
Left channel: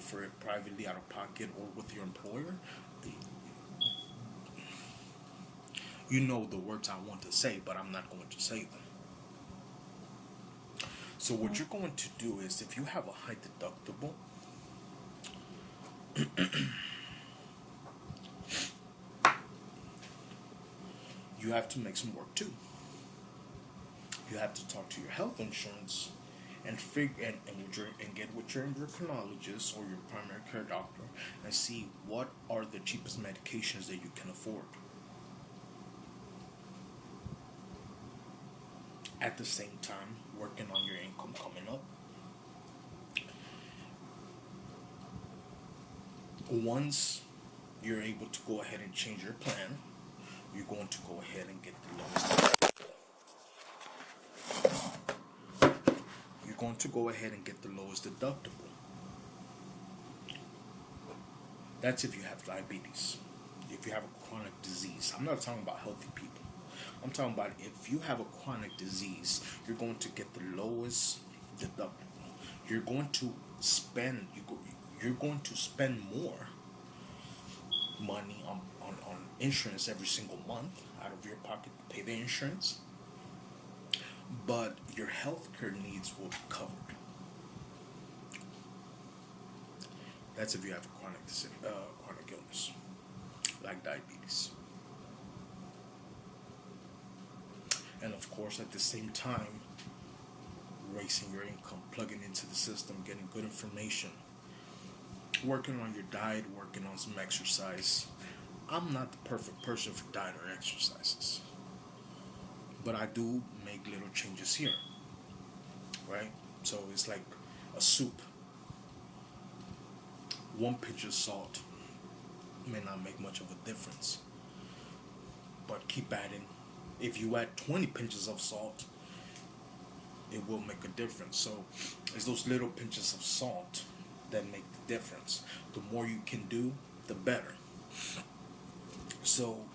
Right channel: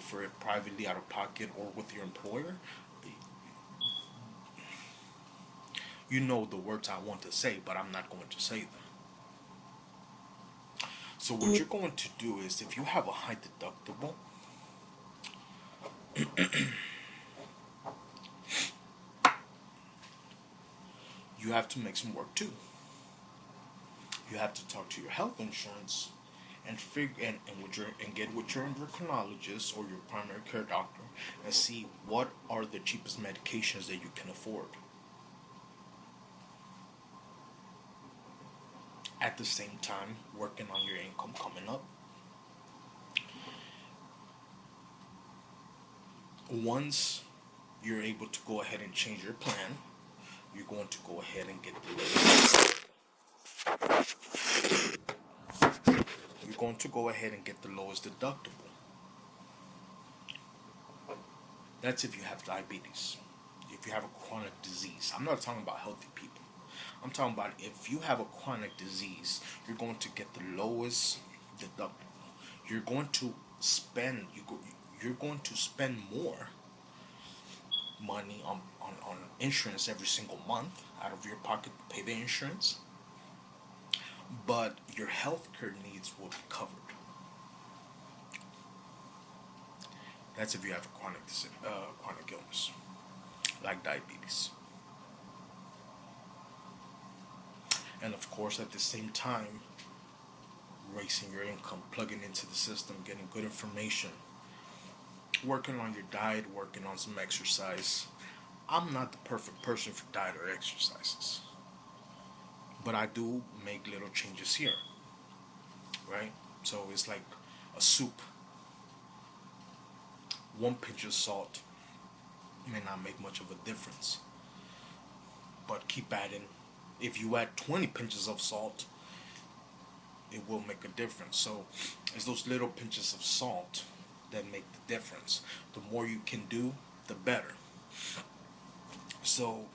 for it privately out of pocket or with your employer. You know the words I want to say, but I'm not going to say them. So what you're going to do is, if you have a high deductible, you have to make some work too. You have to talk to your health insurance and figure and get with your endocrinologist or your primary care doctor and see what are the cheapest medications that you can afford. At the same time, working on your income coming up. Once you're able to go ahead and change your plan, you're going to go ahead and get the lowest. You're going to go ahead and get the lowest deductible. That's if you have diabetes. You if you have a chronic disease. I'm not talking about healthy people. I'm talking about if you have a chronic disease, you're going to get the lowest deductible. You're going to you're going to spend more money on insurance every single month out of your pocket to pay the insurance, but your healthcare needs will be covered. That's if you have a chronic illness like diabetes. And of course, at the same time, raising your income, plugging into the system, getting good information, working on your diet, working on some exercise. I'm not the perfect person for diet or exercises, but I do make little changes here, right? So it's like a soup. One pinch of salt may not make much of a difference, but keep adding. If you add 20 pinches of salt, it will make a difference. So it's those little pinches of salt that make the difference. The more you can do, the better. So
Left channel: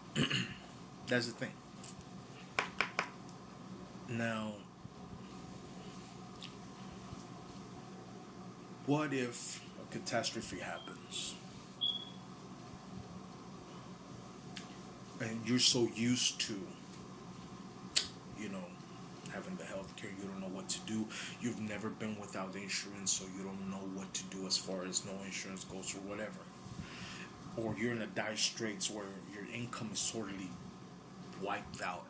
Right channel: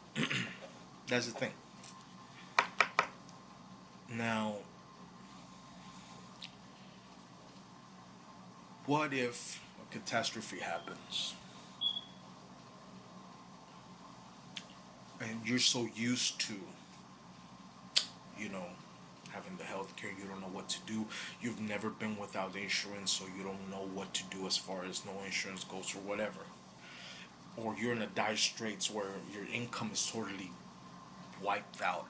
that's the thing. Now, what if a catastrophe happens and you're so used to, you know, having the healthcare, you don't know what to do. You've never been without insurance, so you don't know what to do as far as no insurance goes or whatever. Or you're in a dire straits where your income is totally wiped out.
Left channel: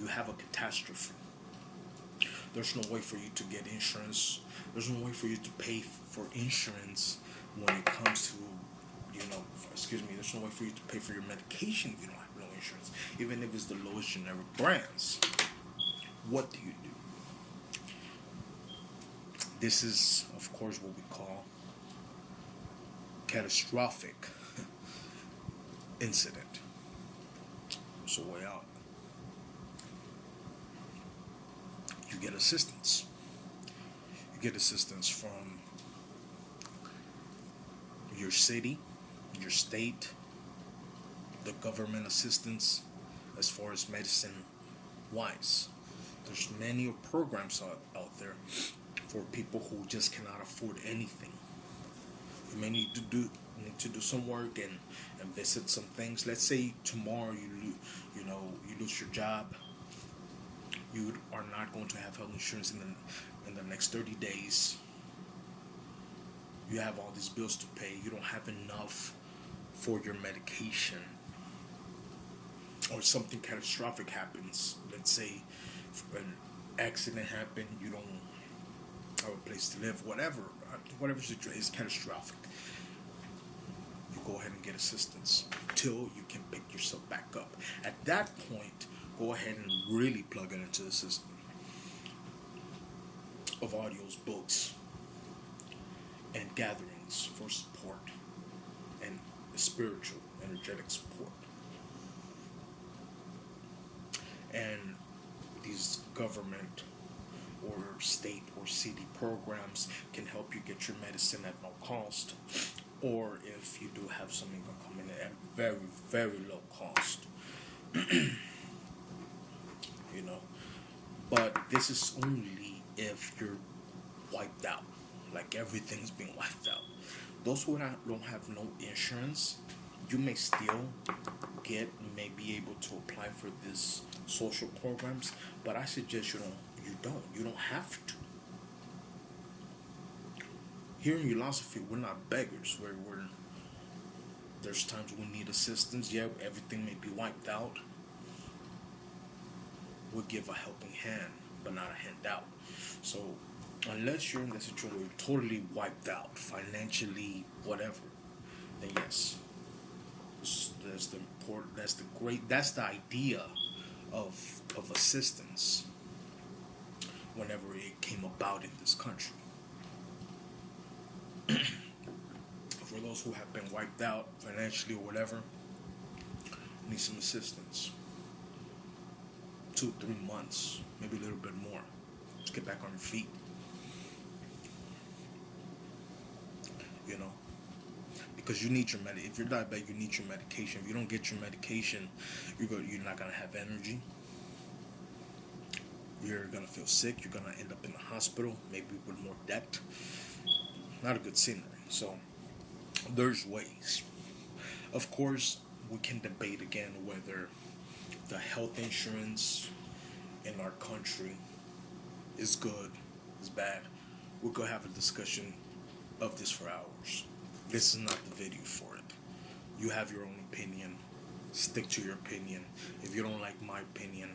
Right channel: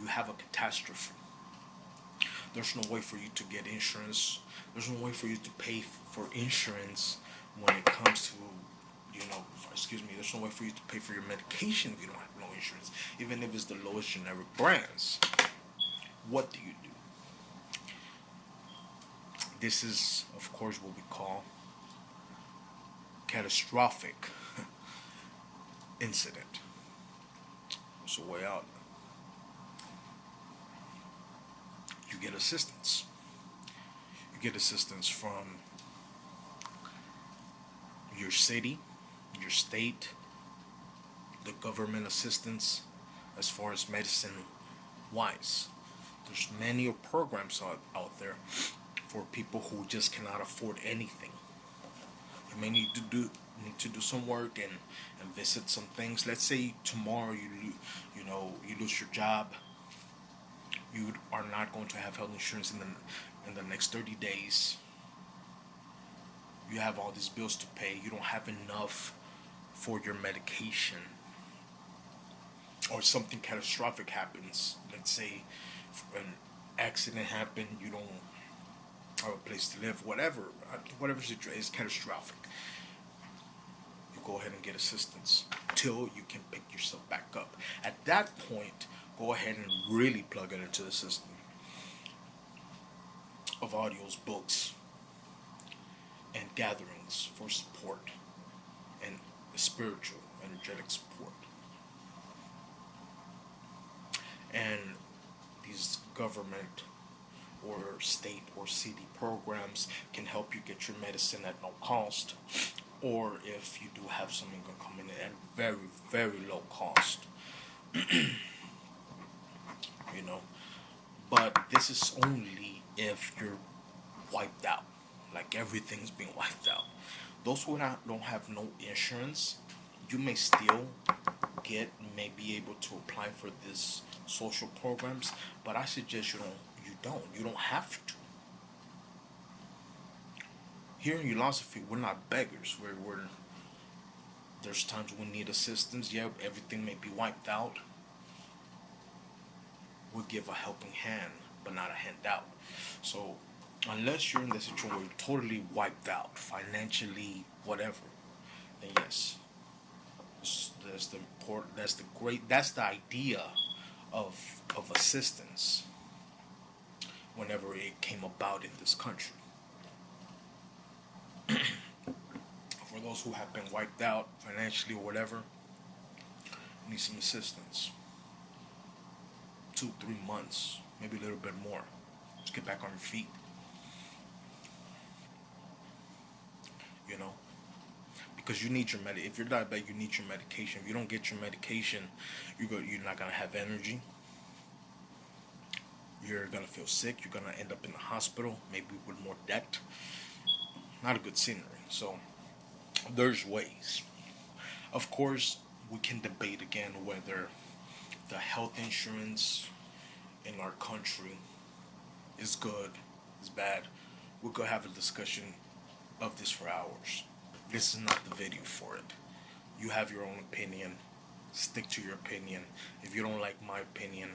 You have a catastrophe. There's no way for you to get insurance. There's no way for you to pay for insurance when it comes to, there's no way for you to pay for your medication if you don't have no insurance, even if it's the lowest generic brands. What do you do? This is, of course, what we call catastrophic incident. It's a way out. You get assistance. You get assistance from your city, your state, the government assistance as far as medicine wise. There's many programs out there for people who just cannot afford anything. You may need to do some work and visit some things. Let's say tomorrow you lose your job. You are not going to have health insurance in the next 30 days. You have all these bills to pay. You don't have enough for your medication. Or something catastrophic happens. Let's say an accident happened, you don't have a place to live, whatever situation is catastrophic. You go ahead and get assistance till you can pick yourself back up. At that point, go ahead and really plug it into the system of audios, books, and gatherings for support and spiritual, energetic support. And these government or state or city programs can help you get your medicine at no cost, or if you do have some income coming in at very, very low cost. But this is only if you're wiped out, like everything's being wiped out. Those who don't have no insurance, you may still may be able to apply for this social programs, but I suggest you don't have to. Here in Philosophy, we're not beggars. There's times we need assistance. Yeah, everything may be wiped out. We'll give a helping hand, but not a handout. So unless you're in the situation where you're totally wiped out, financially, whatever, then yes, that's the idea of assistance whenever it came about in this country. For those who have been wiped out financially or whatever, need some assistance. 2-3 months, maybe a little bit more. Just get back on your feet. because you need your if you're diabetic, you need your medication. If you don't get your medication, you're not gonna have energy. You're gonna feel sick. You're gonna end up in the hospital, maybe with more debt. Not a good scenery. So there's ways. Of course, we can debate again whether the health insurance in our country is good, is bad. We could have a discussion of this for hours. This is not the video for it. You have your own opinion. Stick to your opinion. If you don't like my opinion,